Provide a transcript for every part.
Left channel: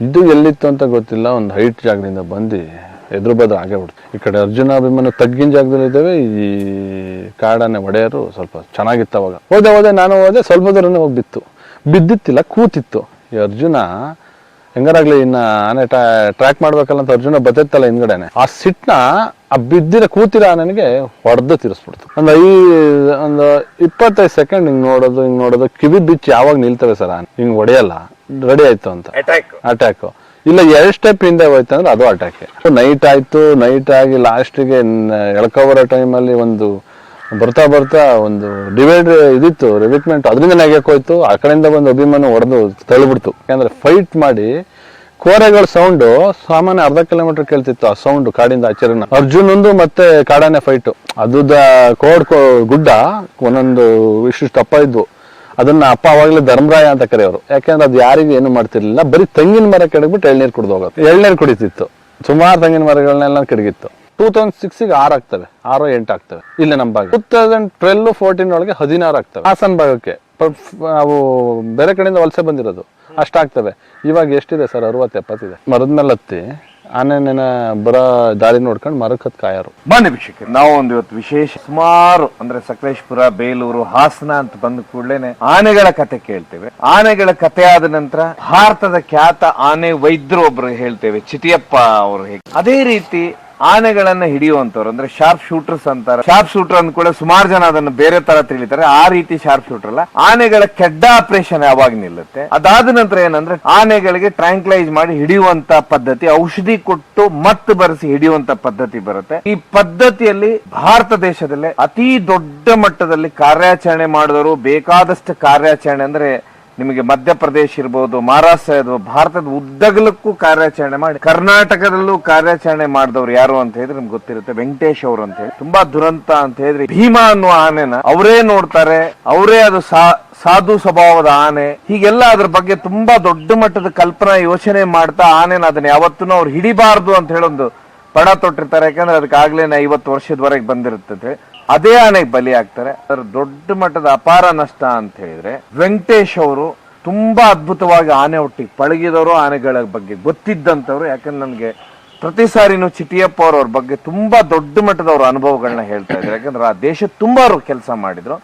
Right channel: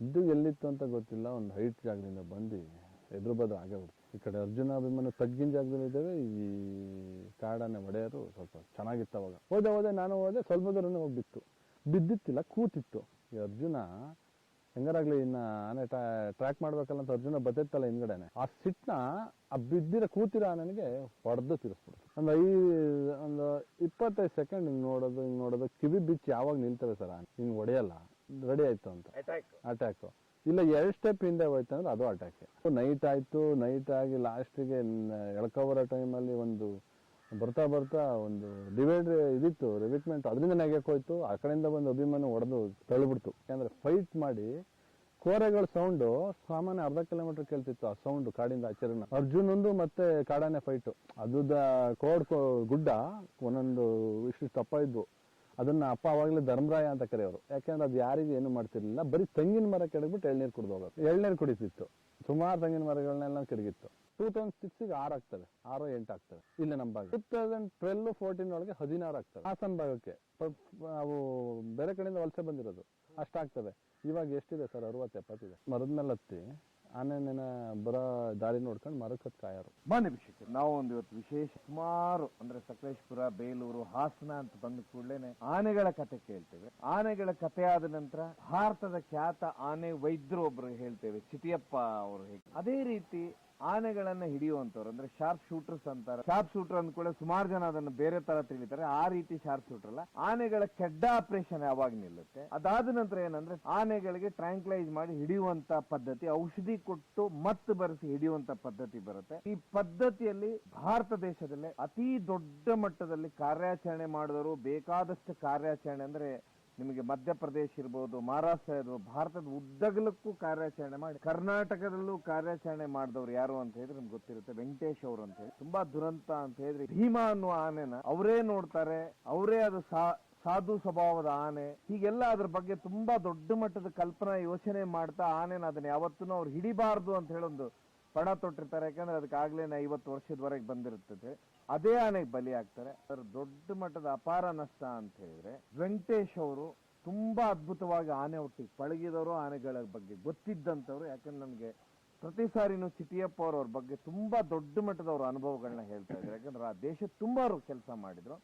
ಇದು ಎಲ್ಲಿತ್ತು ಅಂತ ಗೊತ್ತಿಲ್ಲ, ಒಂದು ಹೈಟ್ ಜಾಗದಿಂದ ಬಂದು ಎದುರು ಬದ್ರ ಆಗೇ ಬಿಡ್ತು. ಈ ಕಡೆ ಅರ್ಜುನ ಅಭಿಮನ್ಯು ತಗ್ಗಿನ ಜಾಗದಲ್ಲಿ ಇದ್ದೇವೆ, ಈ ಕಾಡಾನೆ ಒಡೆಯರು ಸ್ವಲ್ಪ ಚೆನ್ನಾಗಿತ್ತು. ಅವಾಗ ಹೋದೆ ನಾನು ಹೋದೆ, ಸ್ವಲ್ಪ ದೂರನೇ ಹೋಗಿ ಬಿದ್ದಿತ್ತಿಲ್ಲ, ಕೂತಿತ್ತು. ಈ ಅರ್ಜುನ ಹೆಂಗಾರಾಗ್ಲಿ ಇನ್ನ ಆನೆ ಟ್ರ್ಯಾಕ್ ಮಾಡ್ಬೇಕಲ್ಲ ಅಂತ ಅರ್ಜುನ ಬತ್ತಿತ್ತಲ್ಲ ಹಿಂದ್ಗಡೆನೆ, ಆ ಸಿಟ್ನ ಆ ಬಿದ್ದಿರ ಕೂತಿರ ನನಗೆ ಹೊಡೆದು ತಿರ್ಸ್ಬಿಡ್ತು. ಒಂದು 25 ಸೆಕೆಂಡ್ ಹಿಂಗ್ ನೋಡೋದು ಕಿವಿ ಬಿಚ್ಚಿ ಯಾವಾಗ ನಿಲ್ತವೆ ಸರ್ ಹಿಂಗ್ ಹೊಡೆಯಲ್ಲ, ರೆಡಿ ಆಯ್ತು ಅಂತ ಅಟ್ಯಾಕ್. ಇಲ್ಲ 2 ಸ್ಟೆಪ್ ಹಿಂದೆ ಹೋಯ್ತು ಅಂದ್ರೆ ಅದು ಅಟ್ಯಾಕ್. ನೈಟ್ ಆಯ್ತು, ನೈಟ್ ಆಗಿ ಲಾಸ್ಟಿಗೆ ಎಳ್ಕೊಬರೋ ಟೈಮಲ್ಲಿ ಒಂದು ಬರ್ತಾ ಒಂದು ಡಿವೈಡ್ ಇದಿತ್ತು ರಿವಿಟ್ಮೆಂಟ್, ಅದರಿಂದ ನೆಗೆಕ್ ಹೋಯ್ತು. ಆ ಕಡೆಯಿಂದ ಬಂದು ಅಭಿಮನ್ಯು ಹೊಡೆದು ತಳ್ಳಿಬಿಡ್ತು. ಯಾಕಂದ್ರೆ ಫೈಟ್ ಮಾಡಿ ಕೋರೆಗಳ ಸೌಂಡು ಸಾಮಾನ್ಯ ಅರ್ಧ ಕಿಲೋಮೀಟರ್ ಕೇಳ್ತಿತ್ತು. ಆ ಸೌಂಡ್ ಕಾಡಿಂದ ಆಚರಣೆ ಅರ್ಜುನಂದು ಮತ್ತೆ ಕಾಡಾನೆ ಫೈಟ್. ಅದು ಗುಡ್ಡ ಒಂದೊಂದು ಇಷ್ಟು ಅಪ್ಪ ಇದ್ವು. ಅದನ್ನ ಅಪ್ಪ ಅವಾಗಲೇ ಧರ್ಮರಾಯ ಅಂತ ಕರೆಯೋರು. ಯಾಕಂದ್ರೆ ಅದು ಯಾರಿಗೂ ಏನು ಮಾಡ್ತಿರ್ಲಿಲ್ಲ, ಬರೀ ತೆಂಗಿನ ಮರ ಕೆಡಗ್ಬಿಟ್ಟು ಎಳ್ನೀರು ಕುಡ್ದು ಹೋಗೋದು. ಎಳ್ನೀರು ಕುಡಿತಿತ್ತು, ಸುಮಾರು ತೆಂಗಿನ ಮರಗಳನ್ನೆಲ್ಲ ಕೆಡಗಿತ್ತು. 2006 6 ಆಗ್ತವೆ, 6-8 ಆಗ್ತವೆ ಇಲ್ಲಿ ನಮ್ಮ ಭಾಗ. 2012-14 ಒಳಗೆ 16 ಆಗ್ತವೆ ಹಾಸನ ಭಾಗಕ್ಕೆ. ಅವು ಬೇರೆ ಕಡೆಯಿಂದ ವಲಸೆ ಬಂದಿರೋದು ಅಷ್ಟಾಗ್ತವೆ. ಇವಾಗ ಎಷ್ಟಿದೆ ಸರ್? 60-70 ಇದೆ. ಮರದ ಮೇಲೆ ಹತ್ತಿ ಆನೆನ ಬರೋ ದಾರಿ ನೋಡ್ಕೊಂಡು ಮರಕ್ಕೆ ಹತ್ ಕಾಯರು. ಬನ್ನಿ ವೀಕ್ಷಕರೇ, ನಾವು ಒಂದು ಇವತ್ತು ವಿಶೇಷ ಸುಮಾರು ಅಂದ್ರೆ ಸಕಲೇಶಪುರ, ಬೇಲೂರು, ಹಾಸನ ಅಂತ ಬಂದ ಕೂಡಲೇನೆ ಆನೆಗಳ ಕತೆ ಕೇಳ್ತೇವೆ. ಆನೆಗಳ ಕತೆ ಆದ ನಂತರ ಭಾರತದ ಖ್ಯಾತ ಆನೆ ವೈದ್ಯರು ಒಬ್ರು ಹೇಳ್ತೇವೆ, ಚಿಟಿಯಪ್ಪ ಅವರು. ಹೇಗೆ ಅದೇ ರೀತಿ ಆನೆಗಳನ್ನ ಹಿಡಿಯುವಂತವ್ರು ಅಂದ್ರೆ ಶಾರ್ಪ್ ಶೂಟರ್ಸ್ ಅಂತಾರೆ. ಶಾರ್ಪ್ ಶೂಟರ್ ಅಂದ ಕೂಡ ಸುಮಾರು ಜನ ಅದನ್ನು ಬೇರೆ ತರ ತಿಳಿತಾರೆ. ಆ ರೀತಿ ಶಾರ್ಪ್ ಶೂಟರ್ ಅಲ್ಲ, ಆನೆಗಳ ಕೆಡ್ಡ ಆಪರೇಷನ್ ಯಾವಾಗ ನಿಲ್ಲುತ್ತೆ. ಅದಾದ ನಂತರ ಏನಂದ್ರೆ ಆನೆಗಳಿಗೆ ಟ್ರ್ಯಾಂಕ್ಲೈಸ್ ಮಾಡಿ ಹಿಡಿಯುವಂತ ಪದ್ಧತಿ, ಔಷಧಿ ಕೊಟ್ಟು ಮತ್ತೆ ಬರೆಸಿ ಹಿಡಿಯುವಂತ ಪದ್ಧತಿ ಬರುತ್ತೆ. ಈ ಪದ್ಧತಿಯಲ್ಲಿ ಭಾರತ ದೇಶದಲ್ಲೇ ಅತಿ ದೊಡ್ಡ ಮಟ್ಟದಲ್ಲಿ ಕಾರ್ಯಾಚರಣೆ ಮಾಡಿದವರು, ಬೇಕಾದಷ್ಟು ಕಾರ್ಯಾಚರಣೆ ಅಂದ್ರೆ ನಿಮಗೆ ಮಧ್ಯಪ್ರದೇಶ ಇರ್ಬೋದು, ಮಹಾರಾಷ್ಟ್ರ ಇರ್ಬೋದು, ಭಾರತದ ಉದ್ದಗಲಕ್ಕೂ ಕಾರ್ಯಾಚರಣೆ ಮಾಡಿ ಕರ್ನಾಟಕದಲ್ಲೂ ಕಾರ್ಯಾಚರಣೆ ಮಾಡಿದವ್ರು ಯಾರು ಅಂತ ಹೇಳಿದ್ರೆ ನಿಮ್ಗೆ ಗೊತ್ತಿರುತ್ತೆ, ವೆಂಕಟೇಶ್ ಅವರು ಅಂತ ಹೇಳಿ. ತುಂಬಾ ದುರಂತ ಅಂತ ಹೇಳಿದ್ರೆ ಭೀಮಾ ಅನ್ನುವ ಆನೆನ ಅವರೇ ನೋಡ್ತಾರೆ, ಅವರೇ ಅದು ಸಾಧು ಸ್ವಭಾವದ ಆನೆ, ಹೀಗೆಲ್ಲ ಅದ್ರ ಬಗ್ಗೆ ತುಂಬಾ ದೊಡ್ಡ ಮಟ್ಟದ ಕಲ್ಪನಾ ಯೋಚನೆ ಮಾಡ್ತಾ ಆನೆನ ಅದನ್ನ ಯಾವತ್ತೂ ಅವ್ರು ಹಿಡಿಬಾರ್ದು ಅಂತ ಹೇಳಿ ಒಂದು ಪಣ ತೊಟ್ಟಿರ್ತಾರೆ. ಯಾಕಂದ್ರೆ ಅದಕ್ಕಾಗ್ಲೇನೆ 50 ವರ್ಷದವರೆಗೆ ಬಂದಿರುತ್ತೆ. ಅದೇ ಆನೆಗೆ ಬಲಿ ಆಗ್ತಾರೆ. ಅದರ ದೊಡ್ಡ ಮಟ್ಟದ ಅಪಾರ ನಷ್ಟ ಅಂತ ಹೇಳಿದ್ರೆ ವೆಂಕಟೇಶ್ ಅವರು ತುಂಬಾ ಅದ್ಭುತವಾಗಿ ಆನೆ ಒಟ್ಟಿಗೆ ಪಳಗಿದವರು, ಆನೆಗಳ ಬಗ್ಗೆ ಗೊತ್ತಿದ್ದಂಥವ್ರು. ಯಾಕಂದ್ರೆ ನನಗೆ ಪ್ರತಿ ಸಾರಿನೂ ಚಿಟಿಯಪ್ಪ ಅವ್ರ ಬಗ್ಗೆ ತುಂಬಾ ದೊಡ್ಡ ಮಟ್ಟದವ್ರ ಅನುಭವಗಳನ್ನ ಹೇಳ್ತಾ ಇದ್ರು. ಯಾಕಂದ್ರೆ ಆ ದೇಶ ತುಂಬಾ ಅವರು ಕೆಲಸ ಮಾಡಿದ್ರು.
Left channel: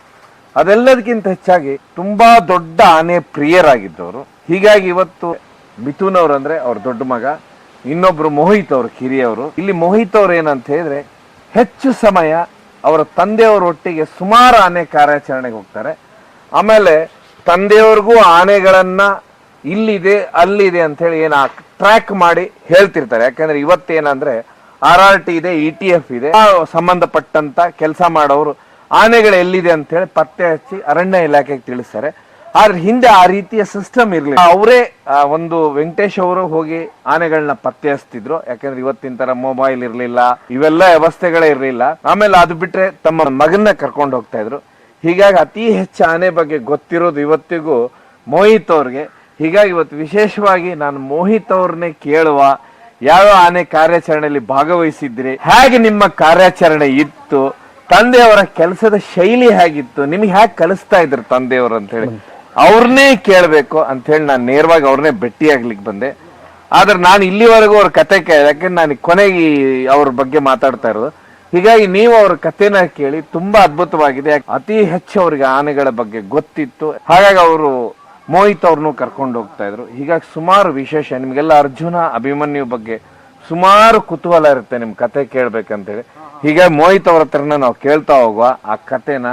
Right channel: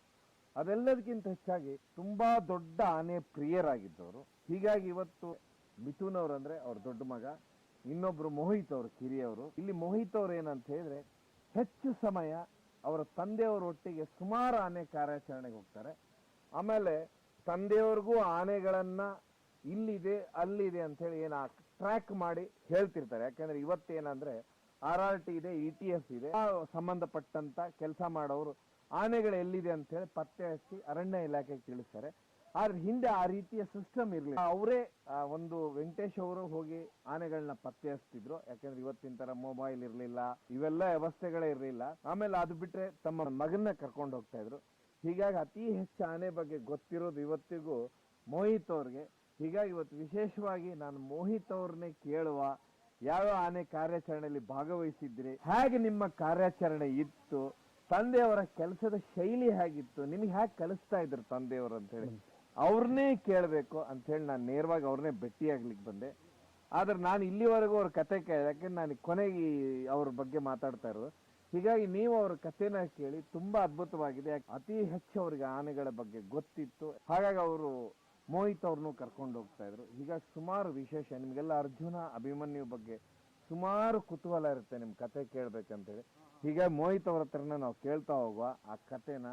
ಅದೆಲ್ಲದಕ್ಕಿಂತ ಹೆಚ್ಚಾಗಿ ತುಂಬಾ ದೊಡ್ಡ ಆನೆ ಪ್ರಿಯರಾಗಿದ್ದವರು. ಹೀಗಾಗಿ ಇವತ್ತು ಮಿಥುನ್ ಅವ್ರು ಅಂದ್ರೆ ಅವ್ರ ದೊಡ್ಡ ಮಗ, ಇನ್ನೊಬ್ರು ಮೋಹಿತ್ ಅವರು ಕಿರಿಯವರು. ಇಲ್ಲಿ ಮೋಹಿತ್ ಅವ್ರು ಏನಂತ ಹೇಳಿದ್ರೆ ಹೆಚ್ಚು ಸಮಯ ಅವರ ತಂದೆಯವರ ಒಟ್ಟಿಗೆ ಸುಮಾರು ಆನೆ ಕಾರ್ಯಾಚರಣೆಗೆ ಹೋಗ್ತಾರೆ. ಆಮೇಲೆ ತಂದೆಯವ್ರಿಗೂ ಆನೆಗಳನ್ನ ಇಲ್ಲಿದೆ ಅಲ್ಲಿದೆ ಅಂತ ಹೇಳಿ ಟ್ರ್ಯಾಕ್ ಮಾಡಿ ಹೇಳ್ತಿರ್ತಾರೆ. ಯಾಕಂದ್ರೆ ಇವತ್ತೇನಂದ್ರೆ RRT ಇದೆ, ETF ಇದೆ, ಸಂಬಂಧಪಟ್ಟಂತ ಕೆಲಸ ಮಾಡೋರು ಆನೆಗಳು ಎಲ್ಲಿದೆ ಅಂತ ಹೇಳಿ ಪತ್ತೆ ಹಚ್ಚಿ ಅರಣ್ಯ ಇಲಾಖೆಗೆ ತಿಳಿಸ್ತಾರೆ. ಆದ್ರೆ ಹಿಂದೆ ಆ ರೀತಿಯ ಸಿಸ್ಟಮ್ ಇರ್ಲಿಲ್ಲ. ಅವರೇ ಒಂದು ವೆಂಕಟೇಶ್ ಅವರು ಹೋಗಿ ಆನೆಗಳನ್ನ ಪತ್ತೆ ಹಚ್ತಿದ್ರು. ಯಾಕಂದ್ರೆ ಇವತ್ತಿನ ತರ ಮೊಬೈಲ್ ಇರ್ಲಿಲ್ಲ, ಇವೆಲ್ಲ ವ್ಯವಸ್ಥೆಗಳೇ ಇರ್ಲಿಲ್ಲ. ಆಮೇಲೆ ಅದು ಬಿಟ್ರೆ ತಮ್ಮ ಮಗನ್ನ ಕರ್ಕೊಂಡು ಹೋಗ್ತಾ ಇದ್ರು. ಹೀಗಾಗಿ ಅತಿ ಹೆಚ್ಚು ಆನೆ ಬಗ್ಗೆ ಗೊತ್ತಿರೋದು ಇವತ್ತಿಗೂ ಮೋಹಿತ್ ಅವ್ರಿಗೆ. ಹೀಗಾಗಿ ಇವತ್ತು ವಿಶೇಷವಾಗಿ ನಾನು ಮೋಹಿತ್ ಅವ್ರನ್ನೇ ಕೇಳುವ, ಯಾವ ಆನೆ ಕಾರ್ಯಾಚರಣೆಯಲ್ಲಿ ಭಾಗವಹಿಸಿದ್ರಿ, ಹೇಗೆ ನಿಮ್ಮ ಕಾರ್ಯಾಚರಣೆ ಇತ್ತು, ತಂದೆಯವರ ಕೆಲಸದ ಶೈಲಿ ಹೇಗಿತ್ತು, ನಿಮ್ಗೆ ಹೇಗೆ ಕಲಿಸ್ತಾ ಇದ್ರು ತಂದೆಯವರು ಅಂತ ಹೇಳಿ ಅವ್ರನ್ನೇ ಕೇಳಬೇಕು ಅಂತ ಹೇಳಿ ನಾನು ನೇರವಾಗಿ ಅವ್ರನ್ನೇ ಭೇಟಿಯಾಗ್ಲಿಕ್ಕೆ ಬಂದೆ. ಆದ್ರೆ ನಾನು ಇಲ್ಲಿವರೆಗೂ ಅವ್ರ ಕತೆ ಕೇಳಿದೆ, ಯಾಕಂದ್ರೆ ನಾನು ಕೊನೆಗೆ ಅವ್ರ ಬಗ್ಗೆ ಮಾತಾಡ್ತಾ ಇರೋದು. ಹೀಗಾಗಿ ನೀವು ಅವ್ರ ಕಥೆನ ಕೇಳಿ, ತುಂಬಾ ಅದ್ಭುತವಾಗಿದೆ. ಅತಿ ಹೆಚ್ಚು ಅವ್ರಿಗೆ ಆನೆಗಳ ಬಗ್ಗೆ ಗೊತ್ತಿತ್ತು. ಹಾಗಾಗಿ ಅವರು ಮೋಹಿತ್ ಅವ್ರನ್ನು ಕರ್ಕೊಂಡು ಹೋಗ್ತಾ ಇದ್ರು. ಹೀಗಾಗಿ ಸುಮಾರು ವಿಶೇಷ ನಿಮ್ಗೆಲ್ಲ ಅರ್ಜುನ ಅಭಿಮನ್ಯು ಬಗ್ಗೆ ಸುಮಾರು ಕುತೂಹಲ ಇರುತ್ತೆ ನಿಮ್ ಕತೆ ಕೇಳ್ಬೇಕಂತೇಳಿ. ಹೀಗಾಗಿ ಮೋಹಿತ್ ಅವ್ರ ಹತ್ರನ ನಾವು ಕೇಳ್ತಾ ಹೋಗುವ, ಆ ಕಥೆನ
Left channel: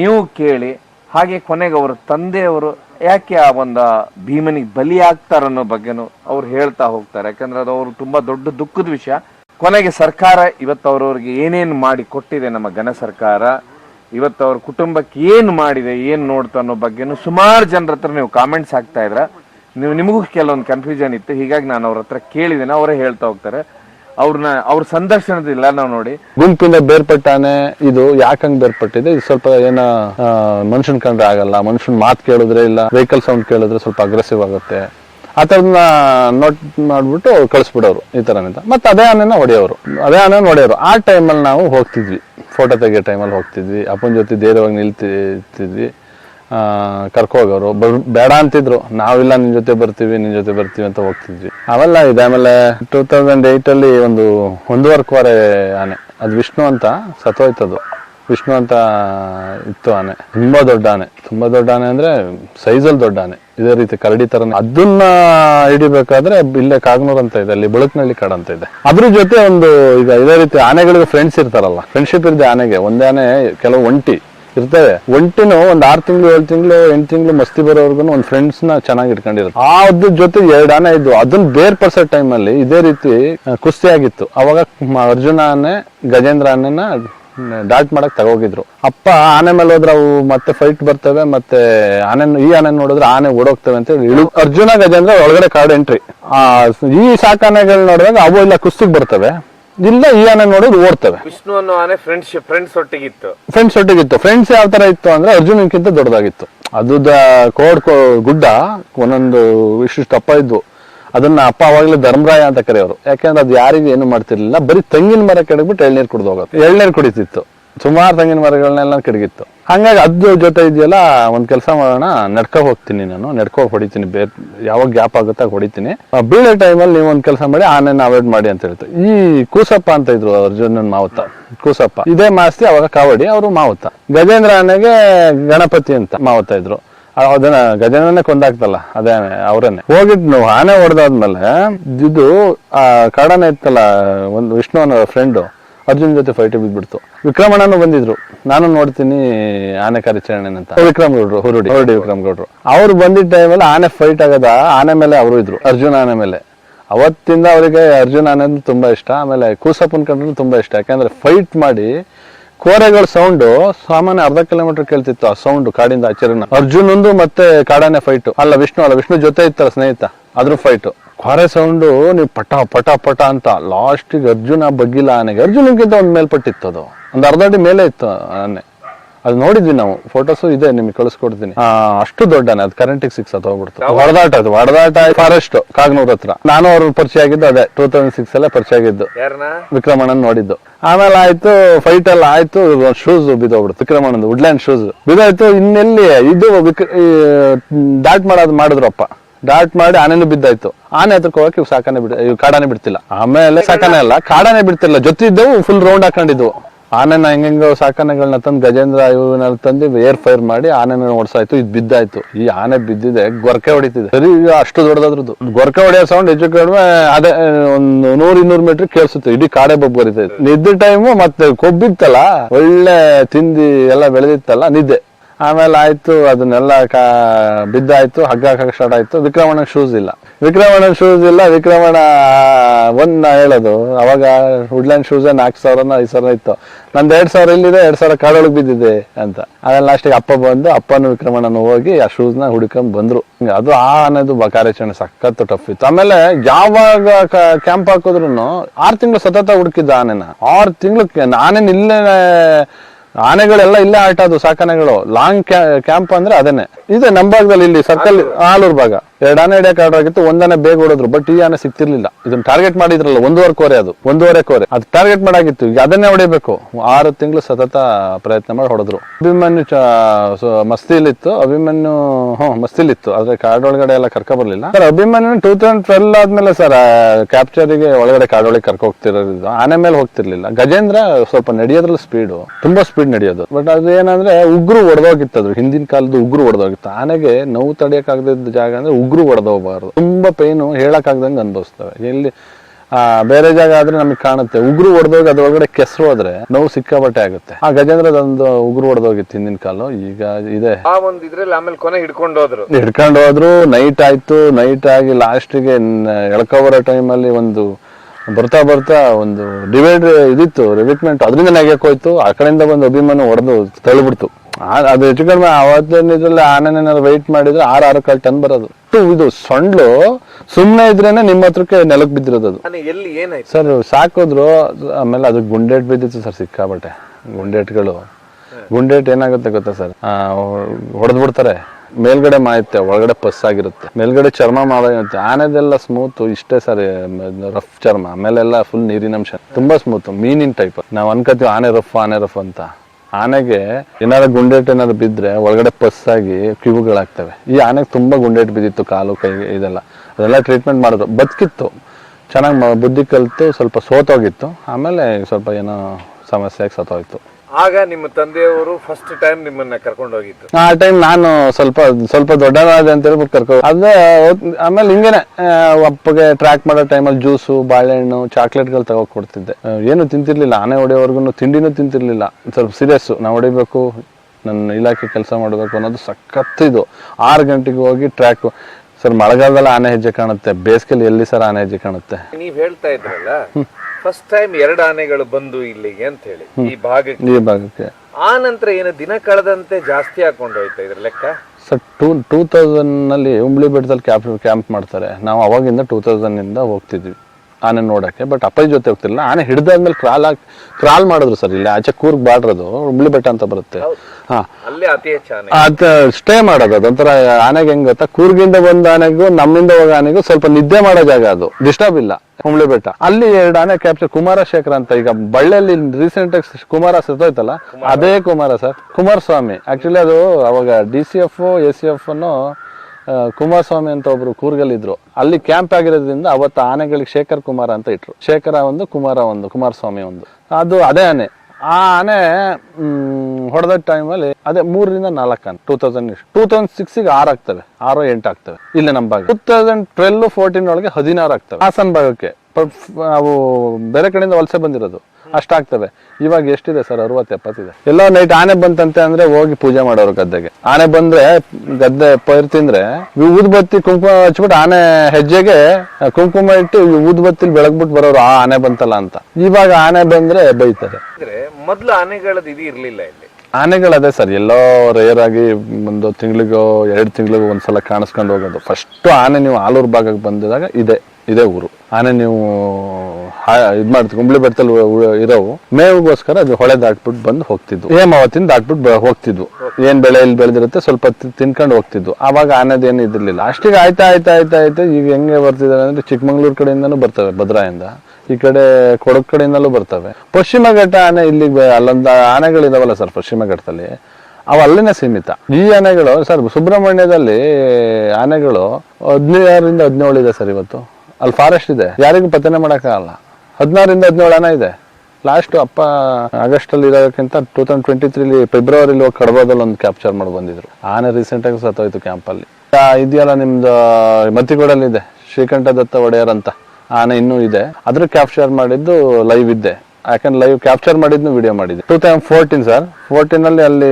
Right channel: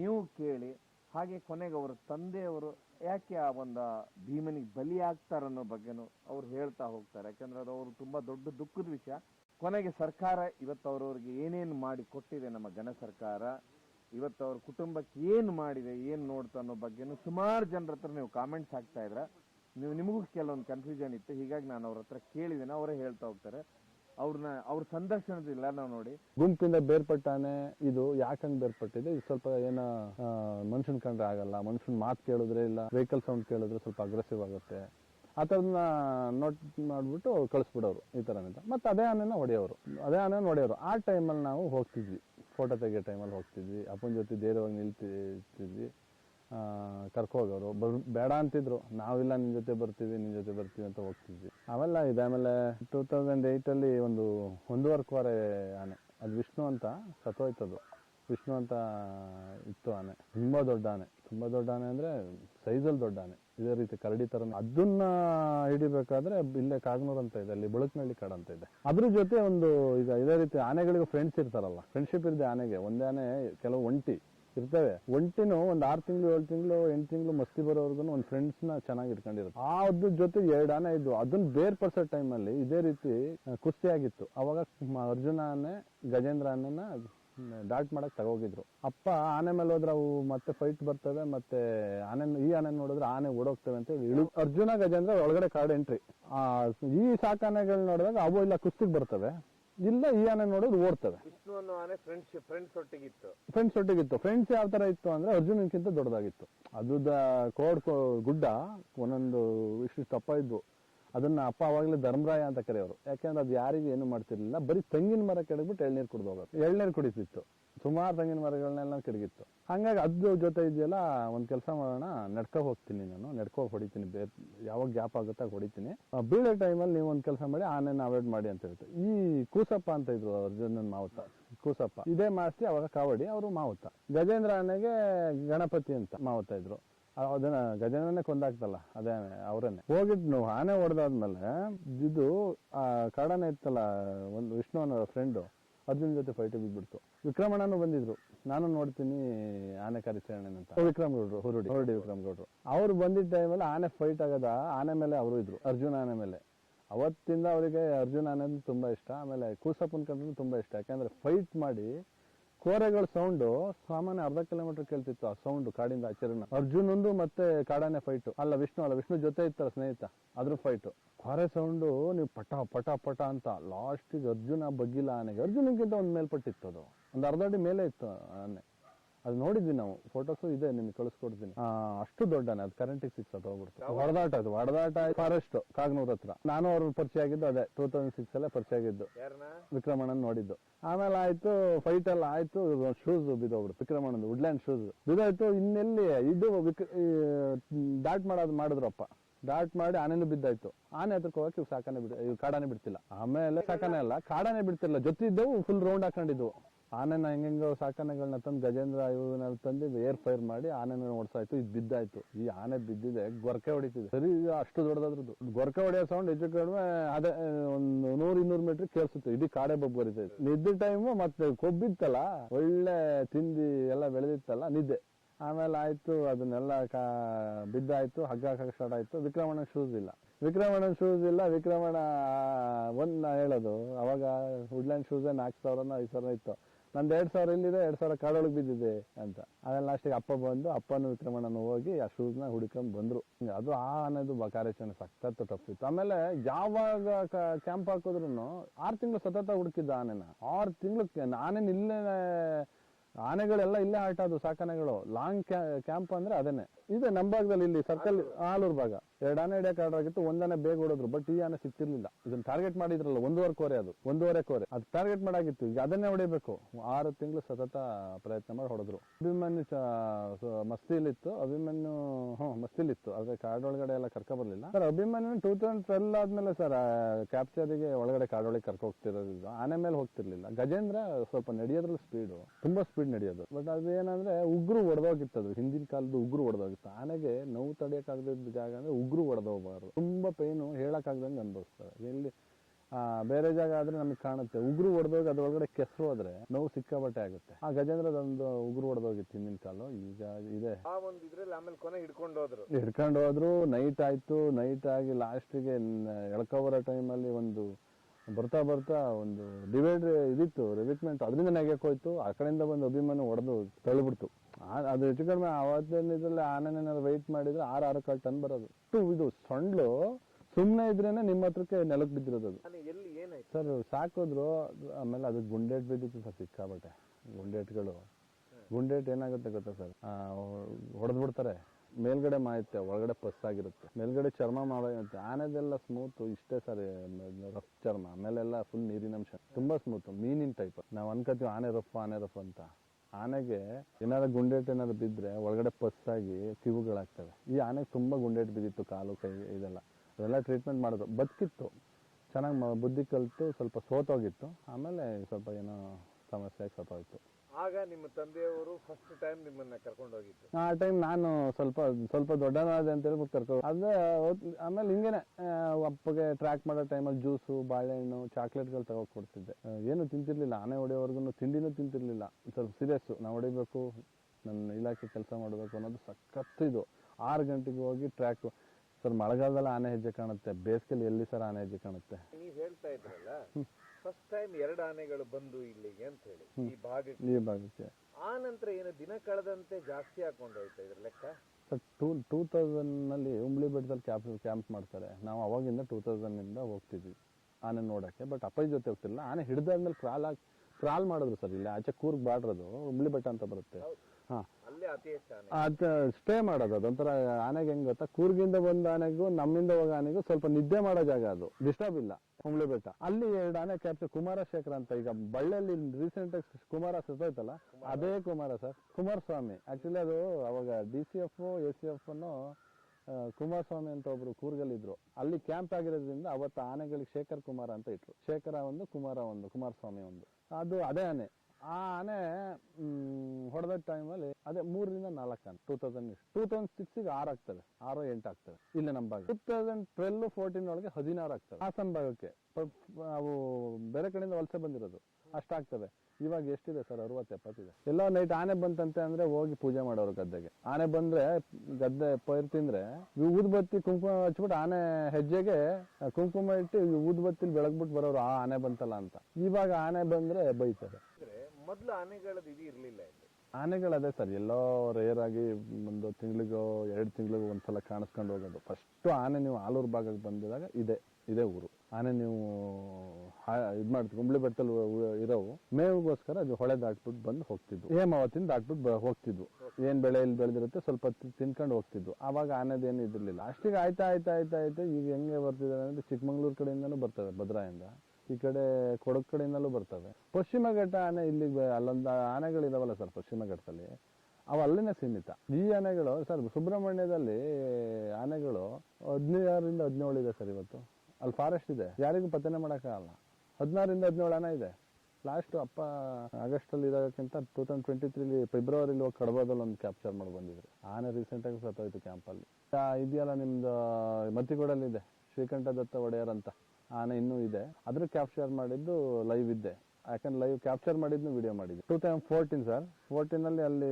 ನೀವು ಕೇಳಿ. ಹಾಗೆ ಕೊನೆಗೆ ಅವ್ರ ತಂದೆಯವರು ಯಾಕೆ ಆ ಒಂದು ಭೀಮನಿಗೆ ಬಲಿ ಆಗ್ತಾರ ಅನ್ನೋ ಬಗ್ಗೆನು ಅವ್ರು ಹೇಳ್ತಾ ಹೋಗ್ತಾರೆ. ಯಾಕಂದ್ರೆ ಅದು ಅವ್ರು ತುಂಬಾ ದೊಡ್ಡ ದುಃಖದ ವಿಷಯ. ಕೊನೆಗೆ ಸರ್ಕಾರ ಇವತ್ತು ಅವ್ರವ್ರಿಗೆ ಏನೇನು ಮಾಡಿ ಕೊಟ್ಟಿದೆ, ನಮ್ಮ ಘನ ಸರ್ಕಾರ ಇವತ್ತು ಅವ್ರ ಕುಟುಂಬಕ್ಕೆ ಏನ್ ಮಾಡಿದೆ, ಏನ್ ನೋಡ್ತಾ ಅನ್ನೋ ಬಗ್ಗೆನು ಸುಮಾರು ಜನರ ಹತ್ರ ನೀವು ಕಾಮೆಂಟ್ಸ್ ಹಾಕ್ತಾ ಇದ್ರ. ನಿಮಗೂ ಕೆಲವೊಂದು ಕನ್ಫ್ಯೂಷನ್ ಇತ್ತು. ಹೀಗಾಗಿ ನಾನು ಅವ್ರ ಹತ್ರ ಕೇಳಿದ್ದೇನೆ, ಅವರೇ ಹೇಳ್ತಾ ಹೋಗ್ತಾರೆ. ಅವ್ರ ಸಂದರ್ಶನದಿಲ್ಲ ನಾವು ನೋಡಿ. ಗುಂಪಿಂದ ಬೇರ್ಪಟ್ಟಾನೆ ಇದು ಯಾಕಂಗ್ ಬೇರ್ಪಟ್ಟಿದೆ, ಇದು ಸ್ವಲ್ಪ ಏನ ಮನುಷ್ಯನ್ ಕಂಡ್ರೆ ಆಗಲ್ಲ, ಮನುಷ್ಯನ್ ಮಾತು ಕೇಳಿದ್ರೆ ಇಲ್ಲ ವೆಹಿಕಲ್ ಸೌಂಡ್ ಕೇಳಿದ್ರೆ ಸ್ವಲ್ಪ ಅಗ್ರೆಸಿವ್ ಆಗುತ್ತೆ, ಆ ಥರದನ್ನ ನೋಟ್ ಮಾಡ್ಬಿಟ್ಟು ಕಳಿಸ್ಬಿಡೋರು ಈ ತರನಿಂದ. ಮತ್ತೆ ಅದೇ ಆನೆನ ಹೊಡೆಯೋರು. ಆ ಟೈಮಲ್ಲಿ ನಾವು ಹೋಗ್ತಿದ್ವಿ, ಫೋಟೋ ತೆಗಿಯೋ ಟೈಮಲ್ಲಿ ಹೋಗ್ತಿದ್ವಿ, ಅಪ್ಪನ ಜೊತೆ ಧೈರ್ಯವಾಗಿ ನಿಲ್ತಿದ್ವಿ. ಕರ್ಕೋಗೋರು ಬೇಡ ಅಂತಿದ್ರು, ನಾವಿಲ್ಲ ನಿನ್ ಜೊತೆ ಬರ್ತೀವಿ ಅಂತ ಹೋಗ್ತಿದ್ವಿ. ಅವೆಲ್ಲ ಇದೆ. ಆಮೇಲೆ 2008 ಅಲ್ಲಿ ಒಂದು 1.25 ಆನೆ, ಅದು ವಿಷ್ಣು ಅಂತ ಸತ್ತೋಯ್ತದು. ವಿಷ್ಣು ಅಂತ ಇತ್ತು ಆನೆ, ತುಂಬಾ ದೊಡ್ಡ ಆನೆ ಅಂದ್ರೆ ಸೈಜಲ್ಲಿ ದೊಡ್ಡ ಆನೆ, ಇದೇ ರೀತಿ ಕರಡಿ ತರ. ಅದನ್ನ ಹಿಡಿಬೇಕಾದ್ರೆ ಇಲ್ಲೇ ಕಾಗನೂರ್ ಅಂತ ಇದೆ, ಅಲ್ಲಿ ಬೆಳಕನಹಳ್ಳಿ ಕಾಡು ಅಂತ ಇದೆ. ಅದ್ರ ಜೊತೆ ಒಂದು ಈಗ ಇದೇ ರೀತಿ ಆನೆಗಳಿಗೆ ಫ್ರೆಂಡ್ಸ್ ಇರ್ತಾರಲ್ಲ, ಫ್ರೆಂಡ್ಶಿಪ್ ಇರುತ್ತೆ ಆನೆಗೆ. ಒಂದೇ ಆನೆ ಕೆಲವು ಒಂಟಿ ಇರ್ತವೆ, ಒಂಟಿನೂ ಒಂದ್ 6 ತಿಂಗಳು 7 ತಿಂಗಳು 8 ತಿಂಗಳು ಮಸ್ತಿ ಬರೋವರ್ಗು ಒಂದು ಫ್ರೆಂಡ್ಸ್ ನ ಚೆನ್ನಾಗಿ ಇಟ್ಕೊಂಡಿರುತ್ತೆ. ಅದ್ರ ಜೊತೆ 2 ಆನೆ ಇದ್ವು. ಅದನ್ನ ಬೇರ್ಪಡಿಸೋ ಟೈಮ್ ಅಲ್ಲಿ ಇದೇ ರೀತಿ ಕುಸ್ತಿ ಆಗಿತ್ತು. ಅವಾಗ ಅರ್ಜುನ ಆನೆ ಗಜೇಂದ್ರ ಆನೆನ ಡಾಟ್ ಮಾಡಕ್ ತಗೋಗಿದ್ರು. ಅಪ್ಪ ಆನೆ ಮೇಲೆ ಹೋದ್ರೆ ಅವು ಮತ್ತೆ ಫೈಟ್ ಬರ್ತವೆ, ಮತ್ತೆ ಈ ಆನೆ ನೋಡಿದ್ರೆ ಆನೆ ಓಡೋಗ್ತವೆ ಅಂತ ಹೇಳಿ ಅರ್ಜುನ ಗಜೇಂದ್ರ ಒಳಗಡೆ ಕಾಡು ಎಂಟ್ರಿ. ಈ ಸಾಕಾನೆಗಳು ನೋಡಿದಾಗ ಅವು ಇಲ್ಲ ಕುಸ್ತಿಗೆ ಬರ್ತವೆ, ಇಲ್ಲ ಈ ಆನೆ ನೋಡಿದ್ರೆ ಓಡ್ತವೆ. ವಿಷ್ಣು ಅನ್ನೋ ಆನೆ ಫ್ರೆಂಡ್ಸ್ ಒಟ್ಟಿಗಿತ್ತು. ಫ್ರೆಂಡ್ಸ್ ಯಾವ ತರ ಇತ್ತು ಅಂದ್ರೆ ಅರ್ಜುನಕ್ಕಿಂತ ದೊಡ್ಡದಾಗಿತ್ತು. ಅದು ಗುಡ್ಡ ಒಂದೊಂದು ಇಷ್ಟು ದಪ್ಪ ಇದ್ವು. ಅದನ್ನ ಅಪ್ಪ ಅವಾಗಲೇ ಧರ್ಮರಾಯ ಅಂತ ಕರೆಯೋರು, ಯಾಕೆಂದ್ರೆ ಅದು ಯಾರಿಗೂ ಏನು ಮಾಡ್ತಿರ್ಲಿಲ್ಲ. ಬರೀ ತೆಂಗಿನ ಮರ ಕೆಡಗ್ಬಿಟ್ಟು ಎಳ್ನೀರು ಕುಡ್ದು ಹೋಗೋದು. ಎಳ್ನೀರು ಕುಡಿತಿತ್ತು, ಸುಮಾರು ತೆಂಗಿನ ಮರಗಳನ್ನೆಲ್ಲ ಕೆಡಗಿತ್ತು. ಹಂಗಾಗಿ ಅದ್ರ ಜೊತೆ ಇದೆಯಲ್ಲ, ಒಂದ್ ಕೆಲಸ ಮಾಡೋಣ, ನಡ್ಕೊ ಹೋಗ್ತೀನಿ, ನಾನು ನಡ್ಕೊ ಹೊಡಿತೀನಿ, ಯಾವಾಗ ಗ್ಯಾಪ್ ಆಗುತ್ತೆ ಹೊಡಿತೀನಿ. ಬೀಳೋ ಟೈಮಲ್ಲಿ ನೀವು ಒಂದ್ ಕೆಲಸ ಮಾಡಿ ಆನೆನ ಅವಾಯ್ಡ್ ಮಾಡಿ ಅಂತ ಹೇಳ್ತಾರೆ. ಈ ಕೂಸಪ್ಪ ಅಂತ ಇದ್ರು ಅರ್ಜುನನ್ ಮಾವತ, ಕೂಸಪ್ಪ ಇದೇ ಮಾಸ್ತಿ, ಅವಾಗ ಕಾವಡಿ, ಅವರು ಮಾವತ. ಗಜೇಂದ್ರ ಆನೆಗೆ ಗಣಪತಿ ಅಂತ ಮಾವತ ಇದ್ರು. ಅದನ್ನ ಗಜೇಂದ್ರನೇ ಕೊಂದಾಕ್ತಲ್ಲ, ಅದೇ ಅವ್ರೇನೆ ಹೋಗಿಟ್ಟು ಆನೆ ಹೊಡೆದಾದ್ಮೇಲೆ ಇದು ಕಾಡಾನೆ ಇತ್ತಲ್ಲ, ಒಂದು ವಿಷ್ಣು ಅನ್ನೋ ಫ್ರೆಂಡು ಅರ್ಜುನ್ ಜೊತೆ ಫೈಟ್ ಬಿದ್ಬಿಡ್ತು. ವಿಕ್ರಮಣ್ಣನು ಬಂದಿದ್ರು, ನಾನು ನೋಡ್ತೀನಿ ಆನೆ ಕಾರ್ಯಾಚರಣೆ ಅಂತ. ವಿಕ್ರಮ್ ಗೌಡ್ರು, ಹುರುಡಿ ವಿಕ್ರಮ್ ಗೌಡ್ರು, ಅವ್ರು ಬಂದಿದ್ದ ಟೈಮಲ್ಲಿ ಆನೆ ಫೈಟ್ ಆಗದ ಆನೆ ಮೇಲೆ ಅವರು ಇದ್ರು, ಅರ್ಜುನ ಆನೆ ಮೇಲೆ. ಅವತ್ತಿಂದ ಅವರಿಗೆ ಅರ್ಜುನ ಆನೆ ತುಂಬಾ ಇಷ್ಟ. ಆಮೇಲೆ ಕೂಸಪ್ಪನ್ ಕಂಡ್ರು ತುಂಬಾ ಇಷ್ಟ, ಯಾಕಂದ್ರೆ ಫೈಟ್ ಮಾಡಿ ಕೋರೆಗಳ ಸೌಂಡ್ ಸಾಮಾನ್ಯ 1/2 ಕಿಲೋಮೀಟರ್ ಕೇಳ್ತಿತ್ತು. ಆ ಸೌಂಡ್ ಕಾಡಿಂದ ಆಚರಣೆ. ಅರ್ಜುನ್ ಒಂದು ಮತ್ತೆ ಕಾಡಾನೆ ಫೈಟ್, ವಿಷ್ಣು ಜೊತೆ ಇತ್ತಲ್ಲ ಸ್ನೇಹಿತ, ಅದ್ರ ಫೈಟ್. ಕೋರೆ ಸೌಂಡ್ ನೀವು ಪಟ ಪಟ ಪಟ ಅಂತ. ಲಾಸ್ಟಿಗೆ ಅರ್ಜುನ ಬಗ್ಗಿಲ್ಲ ಆನೆಗೆ, ಅರ್ಜುನಕ್ಕಿಂತ ಒಂದ್ ಮೇಲ್ಪಟ್ಟಿತ್ತು, ಅದು ಒಂದು 1/2 ಅಡಿ ಮೇಲೆ ಇತ್ತು ಆನೆ. ಅದು ನೋಡಿದ್ವಿ ನಾವು, ಫೋಟೋಸು ಇದೆ ನಿಮ್ಗೆ ಕಳಿಸ್ಕೊಡ್ತೀನಿ. ಅಷ್ಟು ದೊಡ್ಡ ಆನೆ, ಅದು ಕರೆಂಟಿಗೆ ಸಿಕ್ಸ್ ಹೋಗ್ಬಿಡ್ತು. ಹೊಡೆದಾಟ ಫಾರೆಸ್ಟ್ ಕಾಗನೂರ್ ಹತ್ರ. ನಾನು ಅವ್ರ ಪರಿಚಯ ಆಗಿದ್ದು ಅದೇ 2006 ಅಲ್ಲೇ ಪರಿಚಯ ಆಗಿದ್ದು, ವಿಕ್ರಮಣ್ಣನ್ ನೋಡಿದ್ದು. ಆಮೇಲೆ ಆಯ್ತು, ಫೈಟ್ ಎಲ್ಲ ಆಯ್ತು, ಶೂಸ್ ಬಿದ್ದೋಗ್ಬಿಡ್ತು ವಿಕ್ರಮಣ್ಣಂದು, ವುಡ್ಲ್ಯಾಂಡ್ ಶೂಸ್ ಬಿದ್ದೋಯ್ತು. ಇನ್ನೆಲ್ಲಿ ಇದು ಡಾಟ್ ಮಾಡಿದ್ರಪ್ಪ, ಡಾಟ್ ಮಾಡಿ ಆನೆನೂ ಬಿದ್ದಾಯ್ತು. ಆನೆ ಹತ್ರಕ್ಕೆ ಹೋಗಕ್ಕೆ ಕಾಡಾನೆ ಬಿಡ್ತಿಲ್ಲ. ಆಮೇಲೆ ಸಾಕಾನೆ ಅಲ್ಲ, ಕಾಡಾನೆ ಬಿಡ್ತಿಲ್ಲ, ಜೊತೆ ಇದ್ದವು ಫುಲ್ ರೌಂಡ್ ಹಾಕೊಂಡಿದ್ವು. ಆನೆನ ಹೆಂಗೋ ಸಾಕಾನೆಗಳನ್ನ ತಂದು ಗಜೇಂದ್ರ ಇವನ್ನೆಲ್ಲ ತಂದು ಏರ್ ಫೈರ್ ಮಾಡಿ ಆನೆನ ಓಡಿಸಾಯ್ತು. ಇದು ಬಿದ್ದಾಯ್ತು. ಈ ಆನೆ ಬಿದ್ದಿದೆ, ಗೊರಕೆ ಹೊಡಿತಿದೆ. ಸರಿ, ಅಷ್ಟು ದೊಡ್ಡದಾದ್ರದ್ದು ಗೊರಕೆ ಹೊಡೆಯೋ ಸೌಂಡ್ ಹೆಚ್ಚು ಕಡಿಮೆ ಅದೇ ಒಂದು 100-200 ಮೀಟರ್ ಕೇಳಿಸುತ್ತೆ. ಇಡೀ ಕಾಡೆ ಬರಿತಾ ಇತ್ತು. ನಿದ್ದೆ ಟೈಮು ಮತ್ತೆ ಕೊಬ್ಬಿತ್ತಲ್ಲ, ಒಳ್ಳೆ ತಿಂದಿ ಎಲ್ಲ ಬೆಳೆದಿತ್ತಲ್ಲ, ನಿದ್ದೆ. ಆಮೇಲೆ ಆಯ್ತು, ಅದನ್ನೆಲ್ಲ ಬಿದ್ದಾಯ್ತು, ಹಗ್ಗ ಹಾಕಕ್ಕೆ ಸ್ಟಾರ್ಟ್ ಆಯ್ತು. ವಿಕ್ರಮಣ್ಣ ಶೂಸ್ ಇಲ್ಲ. ವಿಕ್ರಮಣ ನಾ ಹೇಳೋದು, ಅವಾಗ ವುಡ್ಲ್ಯಾಂಡ್ ಶೂಸ್ 4,000-5,000 ಇತ್ತು. ನಂದು 2,000 ಇಲ್ಲಿದೆ, 2,000 ಕಾಡೊಳಗೆ ಬಿದ್ದಿದೆ ಅಂತ. ಆಮೇಲೆ ಲಾಸ್ಟಿಗೆ ಅಪ್ಪ ಬಂದು, ಅಪ್ಪನು ವಿಕ್ರಮಣ್ಣನು ಹೋಗಿ ಆ ಶೂಸ್ ನ ಹುಡ್ಕೊಂಡ್ ಬಂದ್ರು. ಅದು ಆನೆದು ಕಾರ್ಯಾಚರಣೆ ಸಖತ್ತು ಟಫ್ ಇತ್ತು. ಆಮೇಲೆ ಯಾವಾಗ ಕ್ಯಾಂಪ್ ಹಾಕಿದ್ರು 6 ತಿಂಗಳು ಸತತ ಹುಡುಕಿದ್ದ ಆನೆನ. 6 ತಿಂಗಳು ಆನೆನ ಇಲ್ಲೇ, ಆನೆಗಳೆಲ್ಲ ಇಲ್ಲೇ ಆಟ ಅದು ಸಾಕಾನೆಗಳು. ಲಾಂಗ್ ಕ್ಯಾಂಪ್ ಅಂದ್ರೆ ಅದೇನೆ ಇದೆ ನಮ್ಮ ಭಾಗದಲ್ಲಿ. ಇಲ್ಲಿ ಸರ್ಕಲ್ ಆಲೂರು ಭಾಗ 2 ಆನೆ ಹಿಡಿಯಕ್ಕೆ ಆರ್ಡರ್ ಆಗಿತ್ತು. 1 ಆನೆ ಬೇಗ ಹೊಡೋದ್ರು, ಬಟ್ ಈ ಆನೆ ಸಿಕ್ತಿರ್ಲಿಲ್ಲ. ಇದನ್ನ ಟಾರ್ಗೆಟ್ ಮಾಡಿದ್ರಲ್ಲ, 1.5 ಕೋರೆ, ಅದು 1.5 ಕೋರೆ, ಅದು ಟಾರ್ಗೆಟ್ ಮಾಡಾಗಿತ್ತು. ಈಗ ಅದನ್ನೇ ಹೊಡಿಬೇಕು. 6 ತಿಂಗಳು ಸತತ ಪ್ರಯತ್ನ ಮಾಡಿ ಹೊಡೆದ್ರು. ಅಭಿಮನ್ಯು ಮಸ್ತಿಲಿತ್ತು, ಮಸ್ತಿಲಿತ್ತು, ಆದ್ರೆ ಕಾಡೊಳಗಡೆ ಎಲ್ಲ ಕರ್ಕೊ ಬರ್ಲಿಲ್ಲ ಸರ್. ಅಭಿಮನ್ಯು 2012 ಆದ್ಮೇಲೆ ಸರ್ ಕ್ಯಾಪ್ಚರಿಗೆ ಒಳಗಡೆ ಕಾಡೊಳಗೆ ಕರ್ಕೊ ಹೋಗ್ತಿರೋದು, ಆನೆ ಮೇಲೆ ಹೋಗ್ತಿರ್ಲಿಲ್ಲ. ಗಜೇಂದ್ರ ಸ್ವಲ್ಪ ನಡೆಯೋದ್ರಲ್ಲಿ ಸ್ಪೀಡು, ತುಂಬಾ ಸ್ಪೀಡ್ ನಡೆಯೋದು. ಬಟ್ ಅದು ಏನಂದ್ರೆ ಉಗ್ರು ಹೊಡೆದೋಗಿತ್ತು. ಅದು ಹಿಂದಿನ ಕಾಲದ ಉಗ್ರು ಹೊಡೆದೋಗಿತ್ತು. ಆನೆಗೆ ನೋವು ತಡೆಯಕ್ಕಾಗದಿದ್ದ ಜಾಗ ಅಂದ್ರೆ ಉಗ್ರು ಹೊಡೆದೋಗ್ಬಾರ್ದು. ತುಂಬಾ ಪೈನು ಹೇಳಕ್ಕಾಗ್ದಂಗೆ ಅನ್ಭವಿಸ್ತವೆ. ಎಲ್ಲಿ ಬೇರೆ ಜಾಗ ಆದ್ರೆ ನಮಗೆ ಕಾಣುತ್ತೆ. ಉಗ್ರು ಹೊಡೆದೋಗಿ ಅದ್ರೊಳಗಡೆ ಕೆಸರು ಹೋದ್ರೆ ನೋವು ಸಿಕ್ಕಾಬಟ್ಟೆ ಆಗುತ್ತೆ. ಆ ಗಜೇಂದ್ರದೊಂದು ಉಗ್ರು ಹೊಡೆದೋಗಿತ್ತು ಹಿಂದಿನ ಕಾಲು. ಈಗ ಇದೆ ಆಮೇಲೆ ಕೊನೆ ಹಿಡ್ಕೊಂಡು ಹೋದ್ರು. ನೈಟ್ ಆಯ್ತು. ನೈಟ್ ಆಗಿ ಲಾಸ್ಟಿಗೆ ಎಳ್ಕೊ ಬರೋ ಟೈಮಲ್ಲಿ ಒಂದು ಬರ್ತಾ ಒಂದು ಡಿವೈಡ್ ಇದಿತ್ತು, ರಿವಿಟ್ಮೆಂಟ್, ಅದರಿಂದ ನೆಗೆಕ್ ಹೋಯ್ತು. ಆ ಕಡೆಯಿಂದ ಬಂದು ಅಭಿಮನ್ಯು ಹೊಡೆದು ತಳ್ಳಿಬಿಡ್ತು. ಅದು ಹೆಚ್ಚು ಕಡಿಮೆ ಅವತ್ತಿನ ಇದ್ರಲ್ಲಿ ಆನೆನೇನಾದ್ರು ವೆಯ್ಟ್ ಮಾಡಿದ್ರೆ 6-6 ಟನ್ ಬರೋದು. ಇದು ಸೊಂಡ್ಲು ಸುಮ್ನೆ ಇದ್ರೇನೆ ನಿಮ್ಮ ಹತ್ರಕ್ಕೆ ನೆಲಕ್ ಬಿದ್ದಿರೋದು. ಅದು ಸರ್ ಸಾಕಿದ್ರು. ಆಮೇಲೆ ಅದು ಗುಂಡೇಟ್ ಬಿದ್ದಿತ್ತು ಸರ್, ಸಿಕ್ಕಾಬಟ್ಟೆ ಗುಂಡೇಟ್ಗಳು. ಗುಂಡೇಟ್ ಏನಾಗುತ್ತೆ ಗೊತ್ತಾ ಸರ್, ಹೊಡೆದ್ಬಿಡ್ತಾರೆ. ಮೇಲ್ಗಡೆ ಮಾಯುತ್ತೆ, ಒಳಗಡೆ ಪಸ್ ಆಗಿರುತ್ತೆ. ಮೇಲ್ಗಡೆ ಚರ್ಮ ಮಾಡಿರುತ್ತೆ. ಆನೆದೆಲ್ಲ ಸ್ಮೂತ್ ಇಷ್ಟೇ ಸರ್, ರಫ್ ಚರ್ಮ. ಆಮೇಲೆಲ್ಲ ಫುಲ್ ನೀರಿನಂಶ, ತುಂಬಾ ಸ್ಮೂತ್, ಮೀನಿನ ಟೈಪ್. ನಾವು ಅನ್ಕೋತೀವಿ ಆನೆ ರಫ್ ಅಂತ. ಆನೆಗೆ ಏನಾದ್ರು ಗುಂಡೇಟು ಏನಾದ್ರು ಬಿದ್ದರೆ ಒಳಗಡೆ ಪಸ್ಸಾಗಿ ಕಿವುಗಳಾಗ್ತವೆ. ಈ ಆನೆಗೆ ತುಂಬ ಗುಂಡೇಟು ಬಿದ್ದಿತ್ತು, ಕಾಲು ಕೈಗೆ ಇದೆಲ್ಲ. ಅದೆಲ್ಲ ಟ್ರೀಟ್ಮೆಂಟ್ ಮಾಡಿದ್ರು, ಬದುಕಿತ್ತು, ಚೆನ್ನಾಗಿ ಬುದ್ಧಿ ಕಲಿತು, ಸ್ವಲ್ಪ ಸೋತೋಗಿತ್ತು. ಆಮೇಲೆ ಸ್ವಲ್ಪ ಏನೋ ಸಮಸ್ಯೆಯಾಗಿ ಸತ್ತೋಯ್ತು. ಆಗ ನಿಮ್ಮ ತಂದೆಯವರು ಫಸ್ಟ್ ಟೈಮ್ ನಿಮ್ಮನ್ನ ಕರ್ಕೊಂಡು ಹೋಗಿದ್ದು? ಆ ಟೈಮ್ ನಾನು ಸ್ವಲ್ಪ ದೊಡ್ಡನಾದೆ ಅಂತ ಹೇಳ್ಬಿಟ್ಟು ಕರ್ಕೊಂಡು ಅದೇ. ಆಮೇಲೆ ಹಿಂಗೇನೆ ಅಪ್ಪಗೆ ಟ್ರ್ಯಾಕ್ ಮಾಡೋ ಟೈಮಲ್ಲಿ ಜ್ಯೂಸು, ಬಾಳೆಹಣ್ಣು, ಚಾಕ್ಲೇಟ್ಗಳು ತಗೋಕ್ ಕೊಡ್ತಿದ್ದೆ. ಏನು ತಿಂತಿರ್ಲಿಲ್ಲ, ಆನೆ ಹೊಡೆಯೋವರೆಗೂ ತಿಂಡಿನೂ ತಿಂತಿರ್ಲಿಲ್ಲ. ಸ್ವಲ್ಪ ಸೀರಿಯಸ್ಸು, ನಾವು ಹೊಡಿಬೇಕು, ನನ್ನ ಇಲಾಖೆ ಕೆಲಸ ಮಾಡಬೇಕು ಅನ್ನೋದು ಸಖತ್ತಿದು. 6 ಗಂಟೆಗೆ ಹೋಗಿ ಟ್ರ್ಯಾಕು. ಸರ್ ಮಳೆಗಾಲದಲ್ಲಿ ಆನೆ ಹೆಜ್ಜೆ ಕಾಣುತ್ತೆ, ಬೇಸಿಗೆಲಿ ಎಲ್ಲಿ ಸರ್ ಆನೆ ಹೆಜ್ಜೆ ಕಾಣುತ್ತೆ? ನೀವ್ ಹೇಳ್ತಾ ಇದ್ರಲ್ಲ ಫಸ್ಟ್ ಟೈಮ್ 2 ಆನೆಗಳು ಬಂದು ಇಲ್ಲಿಗೆ ಅಂತ ಹೇಳಿ ಈ ಭಾಗಕ್ಕೆ, ಆ ನಂತರ ಏನು ದಿನ ಕಳೆದಂತೆ ಜಾಸ್ತಿ ಹಾಕೊಂಡು ಹೋಯ್ತಾ ಇದ್ರ ಲೆಕ್ಕ? ಸರ್ 2000 ಉಂಬ್ಳಿ ಬೆಟ್ಟದಲ್ಲಿ ಕ್ಯಾಂಪ್ ಮಾಡ್ತಾರೆ. ನಾವು ಅವಾಗಿಂದ 2000 ಹೋಗ್ತಿದ್ವಿ ಆನೆ ನೋಡಕ್ಕೆ. ಬಟ್ ಅಪ್ಪಾಜಿ ಜೊತೆ ಹೋಗ್ತಿರ್ಲಿಲ್ಲ. ಆನೆ ಹಿಡ್ದಾದ್ಮೇಲೆ ಕ್ರಾಲ್ ಮಾಡಿದ್ರು ಸರ್. ಇಲ್ಲಿ ಆಚೆ ಕೂರ್ಗ್ ಬಾಡ್ರದು ಉಂಬ್ಳಿ ಬೆಟ್ಟ ಅಂತ ಬರುತ್ತೆ. ಹಾ, ಅಲ್ಲೇ ಅತಿ ಹೆಚ್ಚು ಆನೆ ಅದ ಸ್ಟೇ ಮಾಡೋದು. ಅದೊಂಥರ ಆನೆಗೆ ಹೆಂಗ್ ಗೊತ್ತಾ, ಕೂರ್ಗಿಂದ ಬಂದ ಆನೆಗೂ ನಮ್ಮಿಂದ ಹೋಗೋ ಆನೆಗೂ ಸ್ವಲ್ಪ ನಿದ್ದೆ ಮಾಡೋ ಜಾಗ ಅದು, ಡಿಸ್ಟರ್ಬ್ ಇಲ್ಲ. ಉಂಬ್ಳಿ ಬೆಟ್ಟ ಅಲ್ಲಿ 2 ಆನೆ ಕ್ಯಾಪ್ಚರ್. ಕುಮಾರಶೇಖರ ಅಂತ, ಈಗ ಬಳ್ಳಿಯಲ್ಲಿ ರೀಸೆಂಟ್ ಆಗಿ ಕುಮಾರ ಸತ್ತೋಯ್ತಲ್ಲ, ಅದೇ ಕುಮಾರ ಸರ್, ಕುಮಾರಸ್ವಾಮಿ. ಆಕ್ಚುಲಿ ಅದು ಅವಾಗ DCF ACF ಅನ್ನೋ ಕುಮಾರಸ್ವಾಮಿ ಅಂತ ಒಬ್ರು ಕೂರ್ಗಲ್ಲಿದ್ರು. ಅಲ್ಲಿ ಕ್ಯಾಂಪ್ ಆಗಿರೋದ್ರಿಂದ ಅವತ್ತು ಆನೆಗಳಿಗೆ ಶೇಖರ್ ಕುಮಾರ ಅಂತ ಇಟ್ರು. ಶೇಖರ ಒಂದು, ಕುಮಾರ ಒಂದು, ಕುಮಾರಸ್ವಾಮಿ ಒಂದು. ಅದು ಅದೇ ಆನೆ. ಆ ಆನೆ ಹೊಡೆದ ಟೈಮಲ್ಲಿ ಅದೇ 3 ರಿಂದ 4 ಆನೆ. 2006ಗೆ 6 ಆಗ್ತವೆ, 6 8 ಆಗ್ತವೆ ಇಲ್ಲೇ ನಮ್ಮ ಭಾಗ. 2012-14 ಒಳಗೆ 16 ಆಗ್ತವೆ ಹಾಸನ್ ಭಾಗಕ್ಕೆ. ಅವು ಬೇರೆ ಕಡೆಯಿಂದ ವಲಸೆ ಬಂದಿರೋದು, ಅಷ್ಟಾಗ್ತವೆ. ಇವಾಗ ಎಷ್ಟಿದೆ ಸರ್? 60-70 ಇದೆ. ಎಲ್ಲೋ ನೈಟ್ ಆನೆ ಬಂತಂತೆ ಅಂದ್ರೆ ಹೋಗಿ ಪೂಜೆ ಮಾಡೋರು ಗದ್ದೆಗೆ. ಆನೆ ಬಂದ್ರೆ ಗದ್ದೆ ಪೈರ್ ತಿಂದ್ರೆ ಊದ್ಬತ್ತಿ ಕುಂಕುಮ ಹಚ್ಬಿಟ್ಟು ಆನೆ ಹೆಜ್ಜೆಗೆ ಕುಂಕುಮ ಇಟ್ಟು ಊದ್ಬತ್ತಿಲಿ ಬೆಳಗ್ಬಿಟ್ಟು ಬರೋರು, ಆ ಆನೆ ಬಂತಲ್ಲ ಅಂತ. ಇವಾಗ ಆನೆ ಬಂದ್ರೆ ಬೈತಾರೆ. ಮೊದ್ಲು ಆನೆಗಳದ್ದು ಇದು ಇರ್ಲಿಲ್ಲ ಇಲ್ಲಿ. ಆನೆಗಳದೇ ಸರ್, ಎಲ್ಲೋ ರೇರ್ ಆಗಿ 1 ತಿಂಗಳಿಗೋ 2 ತಿಂಗಳಿಗೋ ಒಂದ್ಸಲ ಕಾಣಿಸ್ಕೊಂಡು ಹೋಗೋದು. ಫಸ್ಟ್ ಆನೆ ನೀವು ಆಲೂರು ಭಾಗಕ್ಕೆ ಬಂದಿದಾಗ ಇದೇ ಊರು. ಆನೆ ನೀವು ಇದ್ ಮಾಡ್ತೀವಿ, ಉಂಬ್ಳಿ ಬೆಟ್ಟದಲ್ಲಿ ಇರೋವು ಮೇವಿಗೋಸ್ಕರ ಅದು ಹೊಳೆ ದಾಟ್ಬಿಟ್ಟು ಬಂದು ಹೋಗ್ತಿದ್ವು. ಹೇಮಾವತಿನ ದಾಟ್ಬಿಟ್ಟು ಹೋಗ್ತಿದ್ವು. ಏನ್ ಬೆಳೆ ಇಲ್ಲಿ ಬೆಳೆದಿರುತ್ತೆ ಸ್ವಲ್ಪ ತಿನ್ಕೊಂಡು ಹೋಗ್ತಿದ್ವು. ಆವಾಗ ಆನೆದೇನು ಇದಿರ್ಲಿಲ್ಲ. ಅಷ್ಟಿಗೆ ಆಯ್ತಾ ಈಗ ಹೆಂಗೆ ಬರ್ತಿದ್ದಾರೆ ಅಂದ್ರೆ ಚಿಕ್ಕಮಂಗ್ಳೂರ್ ಕಡೆಯಿಂದನೂ ಬರ್ತವೆ, ಭದ್ರಾಯಿಂದ, ಈ ಕಡೆ ಕೊಡಗು ಕಡೆಯಿಂದಲೂ ಬರ್ತವೆ. ಪಶ್ಚಿಮ ಘಟ್ಟ ಆನೆ ಇಲ್ಲಿಗೆ ಅಲ್ಲೊಂದು ಆನೆಗಳಿದಾವಲ್ಲ ಸರ್ ಪಶ್ಚಿಮ ಘಟ್ಟದಲ್ಲಿ, ಅವು ಅಲ್ಲಿನೇ ಸೀಮಿತ. ಈ ಆನೆಗಳು ಸರ್ ಸುಬ್ರಹ್ಮಣ್ಯದಲ್ಲಿ ಆನೆಗಳು 16 ರಿಂದ 17 ಇದೆ ಸರ್ ಇವತ್ತು. ಅಲ್ಲಿ ಫಾರೆಸ್ಟ್ ಇದೆ, ಯಾರಿಗೂ ಪತನೆ ಮಾಡೋಕ್ಕಾಗಲ್ಲ. 16 ರಿಂದ 17 ಆನೆ ಇದೆ. ಲಾಸ್ಟ್ ಅಪ್ಪ ಆಗಸ್ಟ್ ಅಲ್ಲಿ ಇರೋದಕ್ಕಿಂತ 2023 ಫೆಬ್ರವರಿಲಿ ಹೋಗಿ ಕಡಬದಲ್ಲಿ ಒಂದು ಕ್ಯಾಪ್ಚರ್ ಮಾಡಿ ಬಂದಿದ್ರು. ಆನೆ ರೀಸೆಂಟ್ ಆಗಿ ಸತ್ತೋಯ್ತು ಕ್ಯಾಂಪಲ್ಲಿ. ಇದೆಯಲ್ಲ ನಿಮ್ದು ಮತ್ತಿಗೋಡಲ್ಲಿ ಇದೆ ಶ್ರೀಕಂಠ ದತ್ತ ಒಡೆಯರ್ ಅಂತ ಆನೆ ಇನ್ನೂ ಇದೆ. ಅದ್ರ ಕ್ಯಾಪ್ಚರ್ ಮಾಡಿದ್ದು ಲೈವ್ ಇದ್ದೆ. ಯಾಕಂದ್ರೆ ಲೈವ್ ಕ್ಯಾಪ್ಚರ್ ಮಾಡಿದ್ನು ವಿಡಿಯೋ ಮಾಡಿದ್ದೆ 2014 ಸರ್. 14 ಅಲ್ಲಿ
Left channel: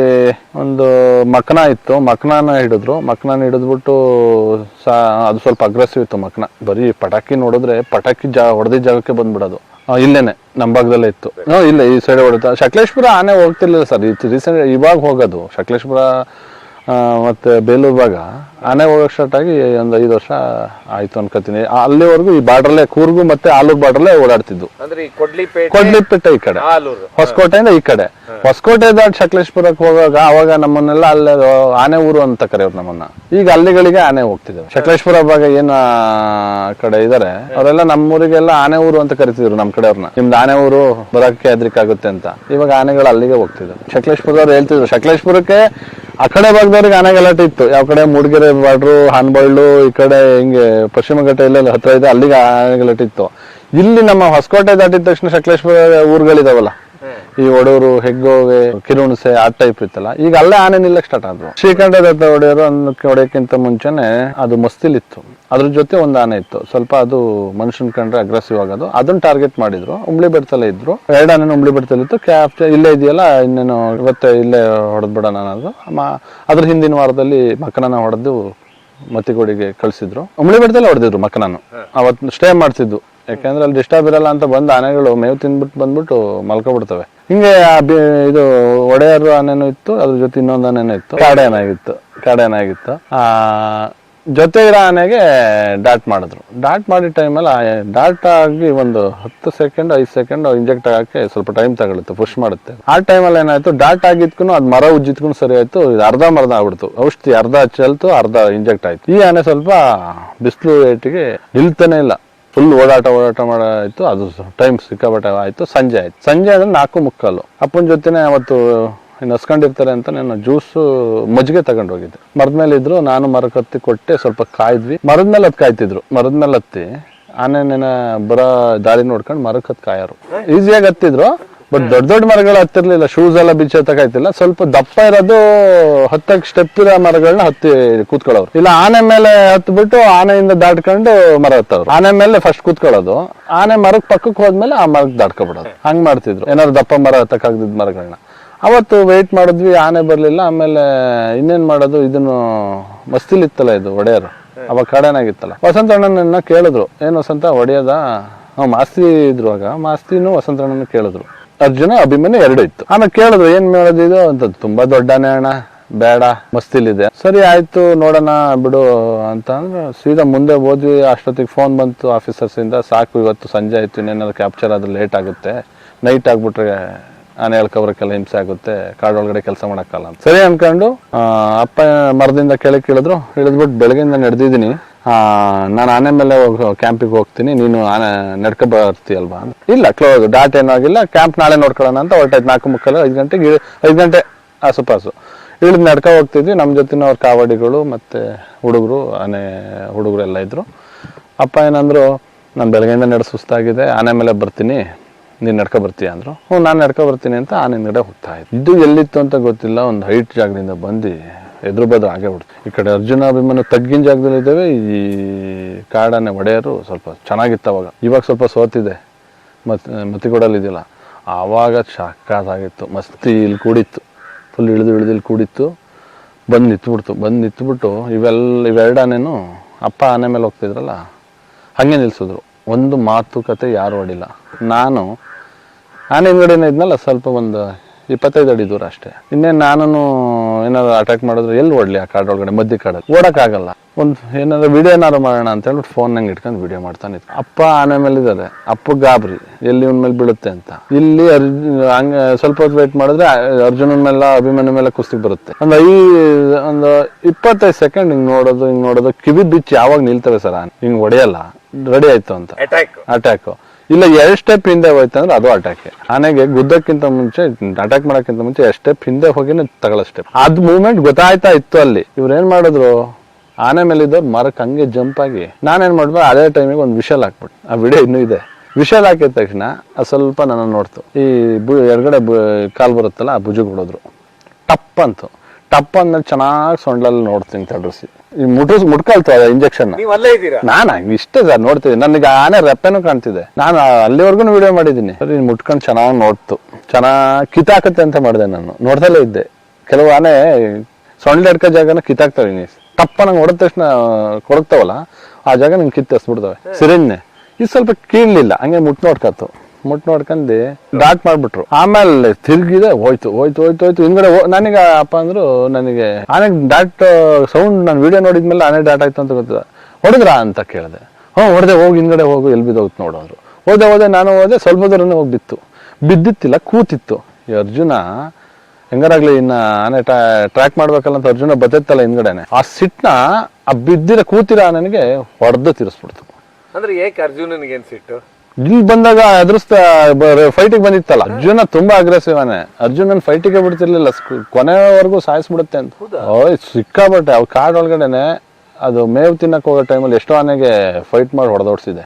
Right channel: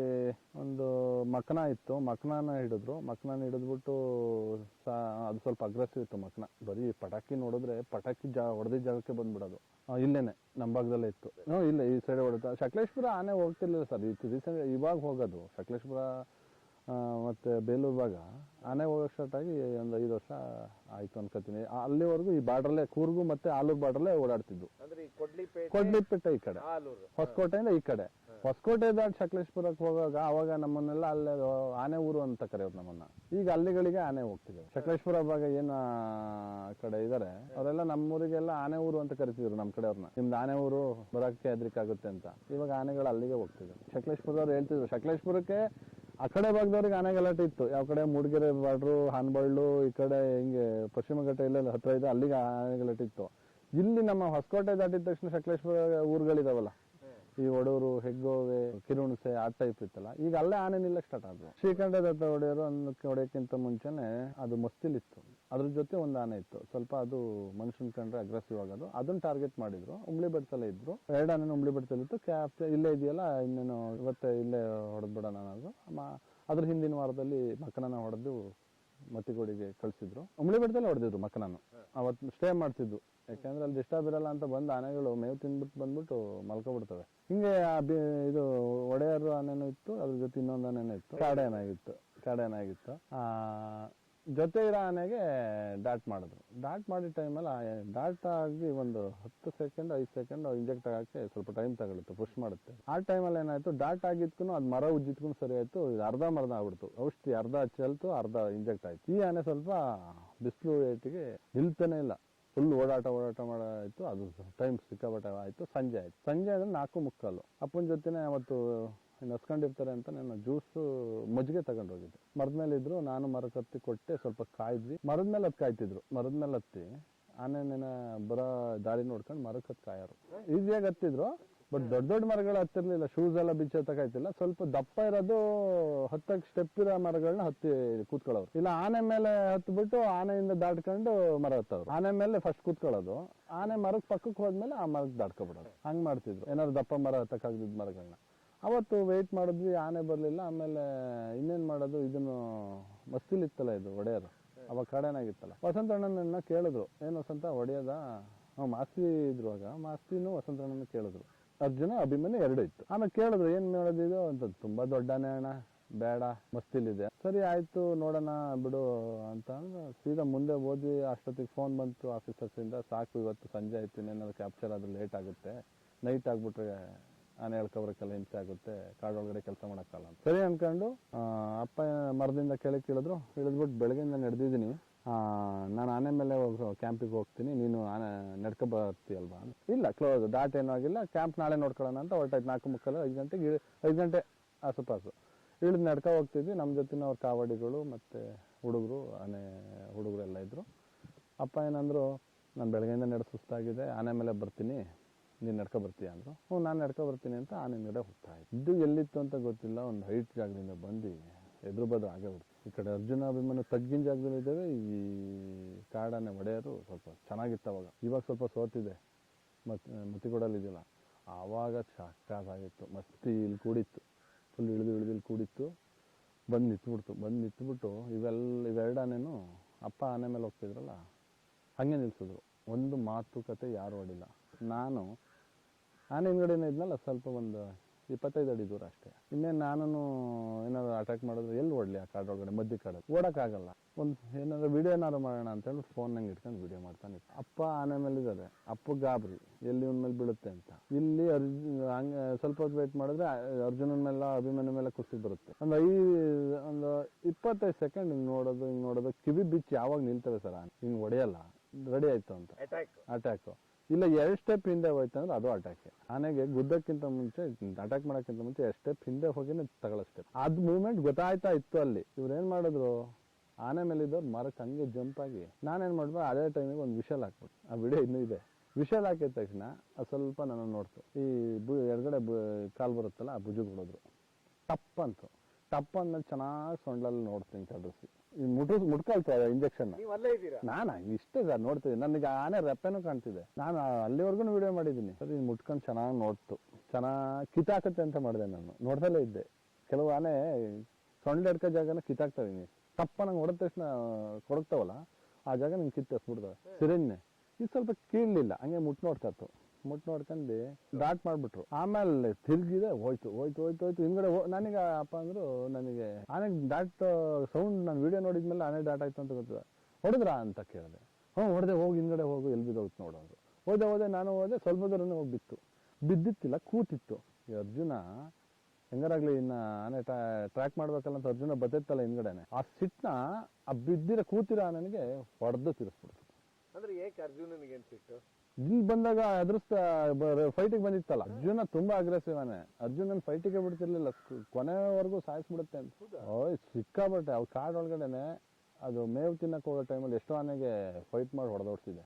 ಒಂದು ಮಕ್ನ ಇತ್ತು, ಮಕ್ನಾನ ಹಿಡಿದ್ರು. ಮಕ್ನಾನ ಹಿಡಿದ್ಬಿಟ್ಟು ಅದು ಸ್ವಲ್ಪ ಅಗ್ರೆಸಿವ್ ಇತ್ತು ಮಕ್ನ. ಬರೀ ಪಟಾಕಿ ನೋಡಿದ್ರೆ ಪಟಾಕಿ ಹೊಡೆದಿದ್ದ ಜಾಗಕ್ಕೆ ಬಂದ್ಬಿಡೋದು. ಇಲ್ಲೇನೆ ನಮ್ಮ ಭಾಗದಲ್ಲೇ ಇತ್ತು. ಇಲ್ಲ ಈ ಸೈಡ್ ಹೊಡೆದ. ಸಕಲೇಶ್ಪುರ ಆನೆ ಹೋಗ್ತಿರ್ಲಿಲ್ಲ ಸರ್, ರೀಸೆಂಟ್ ಇವಾಗ ಹೋಗೋದು. ಸಕಲೇಶ್ಪುರ ಮತ್ತೆ ಬೇಲೂರು ಭಾಗ ಆನೆ ಹೋಗಕ್ ಸ್ಟಾರ್ಟ್ ಆಗಿ ಒಂದು 5 ವರ್ಷ ಆಯ್ತು ಅನ್ಕೋತೀನಿ. ಅಲ್ಲಿವರೆಗೂ ಈ ಬಾರ್ಡ್ರಲ್ಲೇ ಕೂರ್ಗು ಮತ್ತೆ ಆಲೂರು ಬಾರ್ಡ್ರಲ್ಲೇ ಓಡಾಡ್ತಿದ್ದು. ಕೊಡ್ಲಿಪೇಟೆ ಈ ಕಡೆ, ಹೊಸಕೋಟೆಯಿಂದ ಈ ಕಡೆ. ಹೊಸಕೋಟೆ ದಾಟ್ ಸಕಲೇಶ್ಪುರಕ್ಕೆ ಹೋಗುವಾಗ ಅವಾಗ ನಮ್ಮನ್ನೆಲ್ಲ ಅಲ್ಲೇ ಆನೆ ಊರು ಅಂತ ಕರೆಯೋರು ನಮ್ಮನ್ನ. ಈಗ ಅಲ್ಲಿಗಳಿಗೆ ಆನೆ ಹೋಗ್ತಿದ್ದೇವೆ. ಸಕಲೇಶ್ಪುರ ಭಾಗ ಏನ್ ಕಡೆ ಇದಾರೆ ಅವರೆಲ್ಲ ನಮ್ಮೂರಿಗೆಲ್ಲ ಆನೆ ಊರು ಅಂತ ಕರಿತಿದ್ರು ನಮ್ಮ ಕಡೆಯವ್ರನ್ನ. ನಿಮ್ದು ಆನೆ ಊರು ಬರೋಕ್ಕೆ ಹೆದ್ರಿಕಾಗುತ್ತೆ ಅಂತ. ಇವಾಗ ಆನೆಗಳು ಅಲ್ಲಿಗೆ ಹೋಗ್ತಿದ್ರು. ಸಕಲೇಶ್ಪುರದವ್ರು ಹೇಳ್ತಿದ್ರು ಸಕಲೇಶ್ಪುರಕ್ಕೆ ಆ ಕಡೆ ಭಾಗದವ್ರಿಗೆ ಆನೆ ಗಲಾಟೆ ಇತ್ತು. ಯಾವ ಕಡೆ ಮೂಡಿಗೆರೆ ಬಾರ್ಡ್ರು, ಹಾನ್ಬಳ್ಳು, ಈ ಕಡೆ ಹಿಂಗೆ ಪಶ್ಚಿಮ ಘಟ್ಟ ಎಲ್ಲ ಹತ್ರ ಇದೆ, ಅಲ್ಲಿಗೆ ಆನೆ ಗಲಾಟೆ ಇತ್ತು. ಇಲ್ಲಿ ನಮ್ಮ ಹೊಸಕೋಟೆ ದಾಟಿದ ತಕ್ಷಣ ಸಕಲೇಶ್ಪುರ ಊರುಗಳಿದಾವಲ್ಲ, ಈ ಒಡೂರು, ಹೆಗ್ಗೋವೆ, ಕಿರುಣಸೆ ಆ ಟೈಪ್ ಇತ್ತಲ್ಲ, ಈಗ ಅಲ್ಲೇ ಆನೆ ನಿಲ್ಲಕ್ ಸ್ಟಾರ್ಟ್ ಆದ್ರು. ಶ್ರೀಕಂಠ ದತ್ತ ಒಡೆಯರು ಹೊಡೆಯಕ್ಕಿಂತ ಮುಂಚೆನೆ ಅದು ಮಸ್ತಿಲಿತ್ತು. ಅದ್ರ ಜೊತೆ ಒಂದು ಆನೆ ಇತ್ತು, ಸ್ವಲ್ಪ ಅದು ಮನುಷ್ಯನ್ ಕಂಡ್ರೆ ಅಗ್ರೆಸಿವ್ ಆಗೋದು. ಅದನ್ನ ಟಾರ್ಗೆಟ್ ಮಾಡಿದ್ರು. ಉಂಬ್ಳಿ ಬೆಟ್ಟದಲ್ಲೇ ಇದ್ರು. 2 ಆನೆ ಉಂಬ್ಳಿ ಬೆಟ್ಟದಲ್ಲಿತ್ತು. ಕ್ಯಾಪ್ಚರ್ ಇಲ್ಲೇ ಇದೆಯಲ್ಲ, ಇನ್ನೇನು ಇವತ್ತೇ ಇಲ್ಲೇ ಹೊಡೆದ್ಬಿಡೋಣ ಅನ್ನೋದು. ಅದ್ರ ಹಿಂದಿನ ವಾರದಲ್ಲಿ ಮಕ್ಕನನ್ನ ಹೊಡೆದು ಮತ್ತಿಗೋಡಿಗೆ ಕಳ್ಸಿದ್ರು. ಉಂಬ್ಳಿ ಬೆಟ್ಟದಲ್ಲೇ ಹೊಡೆದಿದ್ರು ಮಕ್ಕನನ್ನು. ಅವತ್ತು ಸ್ಟೇ ಮಾಡ್ತಿದ್ದು, ಯಾಕಂದ್ರೆ ಅಲ್ಲಿ ಡಿಸ್ಟರ್ಬ್ ಇರಲ್ಲ ಅಂತ. ಬಂದು ಆನೆಗಳು ಮೇವು ತಿಂದ್ಬಿಟ್ಟು ಬಂದ್ಬಿಟ್ಟು ಮಲ್ಕೊಬಿಡ್ತವೆ. ಹಿಂಗೆ ಇದು ಒಡೆಯರು ಆನೆನೂ ಇತ್ತು, ಅದ್ರ ಜೊತೆ ಇನ್ನೊಂದು ಆನೆನೂ ಇತ್ತು. ಕಾಡೆ ಆನೆ ಆಗಿತ್ತು. ಜೊತೆ ಇರೋ ಆನೆಗೆ ಡಾಟ್ ಮಾಡಿದ್ರು. ಡಾಟ್ ಮಾಡಿದ ಟೈಮಲ್ಲಿ ಡಾಟ್ ಆಗಿ ಒಂದು 10 ಸೆಕೆಂಡ್ 5 ಸೆಕೆಂಡ್ ಇಂಜೆಕ್ಟ್ ಆಗಕ್ಕೆ ಸ್ವಲ್ಪ ಟೈಮ್ ತಗೊಳುತ್ತೆ, ಪುಷ್ ಮಾಡುತ್ತೆ. ಆ ಟೈಮಲ್ಲಿ ಏನಾಯ್ತು, ಡಾಟ್ ಆಗಿದ್ಕು ಅದು ಮರ ಉಜ್ಜಿದ್ಕೊಂಡು ಸರಿ ಆಯ್ತು. ಇದು ಅರ್ಧ ಆಗ್ಬಿಡ್ತು. ಔಷಧಿ ಅರ್ಧ ಚೆಲ್ತು, ಅರ್ಧ ಇಂಜೆಕ್ಟ್ ಆಯ್ತು. ಈ ಆನೆ ಸ್ವಲ್ಪ ಬಿಸಿಲು ರೇಟಿಗೆ ನಿಲ್ತಾನೆ ಇಲ್ಲ, ಫುಲ್ ಓಡಾಟ ಮಾಡಾಯ್ತು. ಅದು ಟೈಮ್ ಸಿಕ್ಕಾಪಟ್ಟೆ ಆಯ್ತು. ಸಂಜೆ ಆಯ್ತು. ಸಂಜೆ ಅಂದ್ರೆ 4:45. ಅಪ್ಪನ ಜೊತೆನೆ ಅವತ್ತು ಇನ್ನು ಹಸ್ಕೊಂಡಿರ್ತಾರೆ ಅಂತ ನಾನು ಜ್ಯೂಸು ಮಜ್ಜಿಗೆ ತಗೊಂಡು ಹೋಗಿದ್ದೆ. ಮರದ ಮೇಲೆ ಇದ್ರು, ನಾನು ಮರಕ್ಕೆ ಹತ್ತಿ ಕೊಟ್ಟೆ, ಸ್ವಲ್ಪ ಕಾಯ್ದ್ವಿ. ಮರದ ಮೇಲೆ ಹತ್ತಿ ಕಾಯ್ತಿದ್ರು. ಮರದ ಮೇಲೆ ಹತ್ತಿ ಆನೆನ ಬರೋ ದಾರಿ ನೋಡ್ಕೊಂಡು ಮರಕ್ಕೆ ಹತ್ತಿ ಕಾಯೋರು. ಈಸಿಯಾಗಿ ಹತ್ತಿದ್ರು, ಬಟ್ ದೊಡ್ಡ ದೊಡ್ಡ ಮರಗಳು ಹತ್ತಿರ್ಲಿಲ್ಲ. ಶೂಸ್ ಎಲ್ಲ ಬಿಚ್ಚ ಹತ್ತಕಾಯ್ತಿಲ್ಲ. ಸ್ವಲ್ಪ ದಪ್ಪ ಇರೋದು ಹತ್ತಕ್ಕೆ ಸ್ಟೆಪ್ ಇರೋ ಮರಗಳನ್ನ ಹತ್ತಿ ಕೂತ್ಕೊಳ್ಳೋರು. ಇಲ್ಲ ಆನೆ ಮೇಲೆ ಹತ್ಬಿಟ್ಟು ಆನೆಯಿಂದ ದಾಟ್ಕೊಂಡು ಮರ ಹತ್ತವ್ರು. ಆನೆ ಮೇಲೆ ಫಸ್ಟ್ ಕೂತ್ಕೊಳ್ಳೋದು, ಆನೆ ಮರಕ್ಕೆ ಪಕ್ಕಕ್ಕೆ ಹೋದ್ಮೇಲೆ ಆ ಮರಕ್ಕೆ ದಾಟ್ಕೊಬಿಡೋದು. ಹಂಗ್ ಮಾಡ್ತಿದ್ರು. ಏನಾದ್ರು ದಪ್ಪ ಮರ ಹತ್ತಕ್ಕಾಗ್ದಿದ್ ಮರಗಳನ್ನ. ಅವತ್ತು ವೆಯ್ಟ್ ಮಾಡಿದ್ವಿ, ಆನೆ ಬರ್ಲಿಲ್ಲ. ಆಮೇಲೆ ಇನ್ನೇನ್ ಮಾಡೋದು, ಇದನ್ನು ಮಸ್ತಿಲಿತ್ತಲ್ಲ ಇದು ಒಡೆಯರು, ಅವಾಗ ಕಾಡೇನಾಗಿತ್ತಲ್ಲ. ವಸಂತ ಅಣ್ಣನ ಕೇಳಿದ್ರು, ಏನ್ ವಸಂತ ಹೊಡೆಯೋದ? ಮಾಸ್ತಿ ಇದ್ರು ಆಗ. ಮಾಸ್ತಿನೂ ವಸಂತ ಅಣ್ಣನ ಕೇಳಿದ್ರು. ಅರ್ಜುನ ಅಭಿಮನ್ಯು ಎರಡು ಇತ್ತು. ಆಮೇಲೆ ಕೇಳಿದ್ರು, ಏನ್ ಮಾಡೋದಿದು ಅಂತ. ತುಂಬಾ ದೊಡ್ಡನೆ ಅಣ್ಣ, ಬೇಡ, ಮಸ್ತಿಲಿದೆ. ಸರಿ ಆಯ್ತು, ನೋಡೋಣ ಬಿಡು ಅಂತ ಅಂದ್ರೆ ಸೀದಾ ಮುಂದೆ ಹೋದ್ವಿ. ಅಷ್ಟೊತ್ತಿಗೆ ಫೋನ್ ಬಂತು ಆಫೀಸರ್ಸ್ ಇಂದ, ಸಾಕು ಇವತ್ತು ಸಂಜೆ ಆಯ್ತು, ಇನ್ನೇನಾದ್ರು ಕ್ಯಾಪ್ಚರ್ ಆದ್ರೆ ಲೇಟ್ ಆಗುತ್ತೆ, ನೈಟ್ ಆಗ್ಬಿಟ್ರೆ ಆನೆ ಹೇಳ್ಕೊಬ್ರಕ್ಕೆಲ್ಲ ಹಿಂಸೆ ಆಗುತ್ತೆ, ಕಾಡೊಳಗಡೆ ಕೆಲಸ ಮಾಡಕ್ಕಲ್ಲ ಅಂತ. ಸರಿ ಅನ್ಕೊಂಡು ಅಪ್ಪ ಮರದಿಂದ ಕೆಳಗೆ ಇಳಿದ್ರು. ಇಳಿದ್ಬಿಟ್ಟು ಬೆಳಗ್ಗೆಯಿಂದ ನಡೆದಿದ್ದೀನಿ, ನಾನು ಆನೆ ಮೇಲೆ ಕ್ಯಾಂಪಿಗೆ ಹೋಗ್ತೀನಿ, ನೀನು ಆನೆ ನಡ್ಕೊ ಬರ್ತೀಯಲ್ವಾ? ಇಲ್ಲ, ಕ್ಲೋಸ್, ಡಾಟ್ ಏನೂ ಆಗಿಲ್ಲ, ಕ್ಯಾಂಪ್ ನಾಳೆ ನೋಡ್ಕೊಳ್ಳೋಣ ಅಂತ ಹೊರಟಾಯ್ತು. 4:30 5 ಗಂಟೆ ಆಸುಪಾಸು ಇಳಿದು ನಡ್ಕೊ ಹೋಗ್ತಿದ್ವಿ. ನಮ್ಮ ಜೊತೆ ಅವ್ರ ಕಾವಡಿಗಳು ಮತ್ತೆ ಹುಡುಗರು, ಆನೆ ಹುಡುಗರು ಎಲ್ಲ ಇದ್ರು. ಅಪ್ಪ ಏನಂದ್ರು, ನಾನು ಬೆಳಗ್ಗೆಯಿಂದ ನಡೆ ಸುಸ್ತಾಗಿದೆ, ಆನೆ ಮೇಲೆ ಬರ್ತೀನಿ, ನೀನ್ ನಡ್ಕೊ ಬರ್ತೀಯ ಅಂದ್ರು. ನಾನು ನಡ್ಕೊ ಬರ್ತೀನಿ ಅಂತ ಆನೆ ಹಿಂದ್ಗಡೆ ಹೋಗ್ತಾ ಇದ್ದೆ. ಇದು ಎಲ್ಲಿತ್ತು ಅಂತ ಗೊತ್ತಿಲ್ಲ, ಒಂದು ಹೈಟ್ ಜಾಗದಿಂದ ಬಂದು ಎದುರು ಬದ್ರು ಆಗೇ ಬಿಡ್ತು. ಈ ಕಡೆ ಅರ್ಜುನ ಅಭಿಮನ್ಯು ತಗ್ಗಿನ ಜಾಗದಲ್ಲಿ ಇದ್ದೇವೆ. ಈ ಕಾಡಾನೆ ಒಡೆಯರು ಸ್ವಲ್ಪ ಚೆನ್ನಾಗಿತ್ತು ಅವಾಗ. ಇವಾಗ ಸ್ವಲ್ಪ ಸೋತಿದೆ, ಮತ್ತಿಗೊಡಲಿದ್ದಿಲ್ಲ. ಆವಾಗ ಸಕ್ಕತ್ತಾಗಿತ್ತು, ಮಸ್ತಿ. ಇಲ್ಲಿ ಕೂಡಿತ್ತು, ಫುಲ್ ಇಳಿದು ಇಲ್ಲಿ ಕೂಡಿತ್ತು. ಬಂದು ನಿಂತ್ಬಿಟ್ಟು ಇವೆರಡು ಆನೆನು ಅಪ್ಪ ಆನೆ ಮೇಲೆ ಹೋಗ್ತಿದ್ರಲ್ಲ ಹಂಗೆ ನಿಲ್ಸಿದ್ರು. ಒಂದು ಮಾತುಕತೆ ಯಾರು ಹೊಡಿಲ್ಲ. ನಾನು ಆನೆ ಹಿಂದ್ಗಡೆನೇ ಇದ್ನಲ್ಲ, ಸ್ವಲ್ಪ ಒಂದು 25 ಅಡಿ ದೂರ ಅಷ್ಟೇ. ಇನ್ನೇನು ನಾನು ಏನಾದ್ರು ಅಟ್ಯಾಕ್ ಮಾಡಿದ್ರೆ ಎಲ್ಲಿ ಓಡ್ಲಿ? ಆ ಕಾಡೊಳಗಡೆ ಮಧ್ಯ ಕಾಡಲ್ಲಿ ಓಡಕ್ಕಾಗಲ್ಲ. ಒಂದು ಏನಾದ್ರು ವಿಡಿಯೋ ಏನಾದ್ರು ಮಾಡೋಣ ಅಂತ ಹೇಳ್ಬಿಟ್ಟು ಫೋನ್ ನಂಗೆ ಇಟ್ಕೊಂಡು ವಿಡಿಯೋ ಮಾಡ್ತಾನೆ. ಅಪ್ಪ ಆನೆ ಮೇಲೆ ಇದ್ದಾರೆ, ಅಪ್ಪ ಗಾಬರಿ, ಎಲ್ಲಿ ಇವನ್ ಮೇಲೆ ಬೀಳುತ್ತೆ ಅಂತ. ಇಲ್ಲಿ ಹಂಗೆ ಸ್ವಲ್ಪ ಹೊತ್ತು ವೇಟ್ ಮಾಡಿದ್ರೆ ಅರ್ಜುನನ ಮೇಲೆ ಅಭಿಮನ್ಯು ಮೇಲೆ ಕುಸ್ತಿಗೆ ಬರುತ್ತೆ. ಒಂದು 25 ಸೆಕೆಂಡ್ ಹಿಂಗ್ ನೋಡೋದು ಕಿವಿ ಬಿಚ್ಚಿ ಯಾವಾಗ ನಿಲ್ತವೆ ಸರ್ ಆನೆ, ಹಿಂಗ್ ಹೊಡೆಯಲ್ಲ, ರೆಡಿ ಆಯ್ತು ಅಂತ ಅಟ್ಯಾಕ್. ಇಲ್ಲ 2 ಸ್ಟೆಪ್ ಹಿಂದೆ ಹೋಯ್ತು ಅಂದ್ರೆ ಅದು ಅಟ್ಯಾಕ್. ಆನೆಗೆ ಗುದ್ದಕ್ಕಿಂತ ಮುಂಚೆ, ಅಟ್ಯಾಕ್ ಮಾಡಕ್ಕಿಂತ ಮುಂಚೆ 2 ಸ್ಟೆಪ್ ಹಿಂದೆ ಹೋಗಿನ ತಗೊಳ್ಳೋ ಸ್ಟೆಪ್. ಅದ್ ಮೂವ್ಮೆಂಟ್ ಗೊತ್ತಾಯ್ತಾ ಇತ್ತು ಅಲ್ಲಿ. ಇವ್ರು ಏನ್ ಮಾಡಿದ್ರು, ಆನೆ ಮೇಲೆ ಇದ್ದವ್ರು ಮರಕ್ಕೆ ಹಂಗೆ ಜಂಪ್ ಆಗಿ, ನಾನೇನ್ ಮಾಡ್ಬೋ ಅದೇ ಟೈಮಿಗೆ ಒಂದು ವಿಷಲ್ ಹಾಕ್ಬಿಟ್ಟು, ಆ ವಿಡಿಯೋ ಇನ್ನೂ ಇದೆ. ವಿಷಲ್ ಹಾಕಿದ ತಕ್ಷಣ ಅದು ಸ್ವಲ್ಪ ನನ್ನ ನೋಡ್ತು. ಈ ಎಡಗಡೆ ಕಾಲ್ ಬರುತ್ತಲ್ಲ, ಆ ಭುಜಕ್ಕೆ ಹೊಡೋದ್ರು, ಟಪ್ ಅಂತು. ಟಪ್ ಅಂದ್ಮೇಲೆ ಚೆನ್ನಾಗಿ ಸೊಂಡ್ಲಲ್ಲಿ ನೋಡ್ತೀನಿ ತಡ್ರಿಸಿ, ಈ ಮುಟ್ಕೊಳ್ತು ಇಂಜೆಕ್ಷನ್. ನಾನು ಇಷ್ಟೇ ಸರ್ ನೋಡ್ತಿದ್ದೆ, ನನಗೆ ಆನೆ ರೆಪ್ಪೆನೂ ಕಾಣ್ತಿದೆ. ನಾನು ಅಲ್ಲಿವರೆಗೂ ವಿಡಿಯೋ ಮಾಡಿದ್ದೀನಿ. ಸರಿ ಮುಟ್ಕೊಂಡು ಚೆನ್ನಾಗಿ ನೋಡ್ತು, ಚೆನ್ನಾಗಿ ಕಿತ್ತಾಕತ್ತೆ ಅಂತ ಮಾಡಿದೆ. ನಾನು ನೋಡ್ದಲ್ಲೇ ಇದ್ದೆ. ಕೆಲವು ಆನೆ ಸೊಂಡ್ಲ ಹಿಡ್ಕೋ ಜಾಗನ ಕಿತ್ತಾಕ್ತವೆ. ಟಪ್ಪ ನಂಗೆ ಹೊಡೆದ ತಕ್ಷಣ ಕೊಡಕ್ತಾವಲ್ಲ, ಆ ಜಾಗ ನಂಗೆ ಕಿತ್ತಿಸ್ಬಿಡ್ತವೆ ಸಿರಿಂಜ್ನೆ. ಇದು ಸ್ವಲ್ಪ ಕೀಳ್ಲಿಲ್ಲ, ಹಂಗೆ ಮುಟ್ ನೋಡ್ಕೊಂಡು ಡಾಟ್ ಮಾಡ್ಬಿಟ್ರು. ಆಮೇಲೆ ತಿರ್ಗಿದೆ, ಹೋಯ್ತು. ಹಿಂದ್ಗಡೆ ನನಗೆ ಅಪ್ಪ ಅಂದ್ರು, ನನಗೆ ಆನೆ ಡಾಟ್ ಸೌಂಡ್ ನಾನು ವಿಡಿಯೋ ನೋಡಿದ್ಮೇಲೆ ಆನೆ ಡಾಟ್ ಆಯ್ತು ಅಂತ ಗೊತ್ತಿಲ್ಲ. ಹೊಡೆದ್ರಾ ಅಂತ ಕೇಳಿದೆ. ಹೊಡೆದೆ, ಹೋಗಿ ಹಿಂದ್ಗಡೆ ಹೋಗು, ಎಲ್ಲಿ ಬಿದ್ದೋಗ್ತು ನೋಡೋರು. ಹೋದೆ, ನಾನು ಹೋದೆ. ಸ್ವಲ್ಪ ದೂರನೇ ಹೋಗಿ ಬಿದ್ದಿತ್ತಿಲ್ಲ, ಕೂತಿತ್ತು. ಈ ಅರ್ಜುನ ಹೆಂಗಾರಾಗ್ಲಿ ಇನ್ನ ಆನೆ ಟ್ರ್ಯಾಕ್ ಮಾಡ್ಬೇಕಲ್ಲ ಅಂತ ಅರ್ಜುನ ಬತ್ತಿತ್ತಲ್ಲ ಹಿಂದ್ಗಡೆನೆ, ಆ ಸಿಟ್ನ ಆ ಬಿದ್ದಿರ ಕೂತಿರ ನನಗೆ ಹೊಡೆದು ತಿರ್ಸ್ಬಿಡ್ತು. ಅಂದ್ರೆ ಏಕೆ ಅರ್ಜುನನಿಗೆ ಏನ್ ಸಿಟ್ಟು? ಇಲ್ಲಿ ಬಂದಾಗ ಎದುರಿಸ್ತಾ ಫೈಟಿಗೆ ಬಂದಿತ್ತಲ್ಲ. ಅರ್ಜುನ ತುಂಬಾ ಅಗ್ರೆಸಿವ್ ಆನೆ. ಅರ್ಜುನನ್ ಫೈಟಿಗೆ ಬಿಡ್ತಿರ್ಲಿಲ್ಲ, ಕೊನೆವರೆಗೂ ಸಾಯಿಸ್ಬಿಡುತ್ತೆ ಅಂತ. ಸಿಕ್ಕಾಬಟ್ಟೆ. ಅವ್ ಕಾಡ್ ಒಳಗಡೆನೆ ಅದು ಮೇವು ತಿನ್ನಕ್ ಹೋಗೋ ಟೈಮಲ್ಲಿ ಎಷ್ಟೋ ಆನೆಗೆ ಫೈಟ್ ಮಾಡಿ ಹೊಡೆದೋಡ್ಸಿದೆ.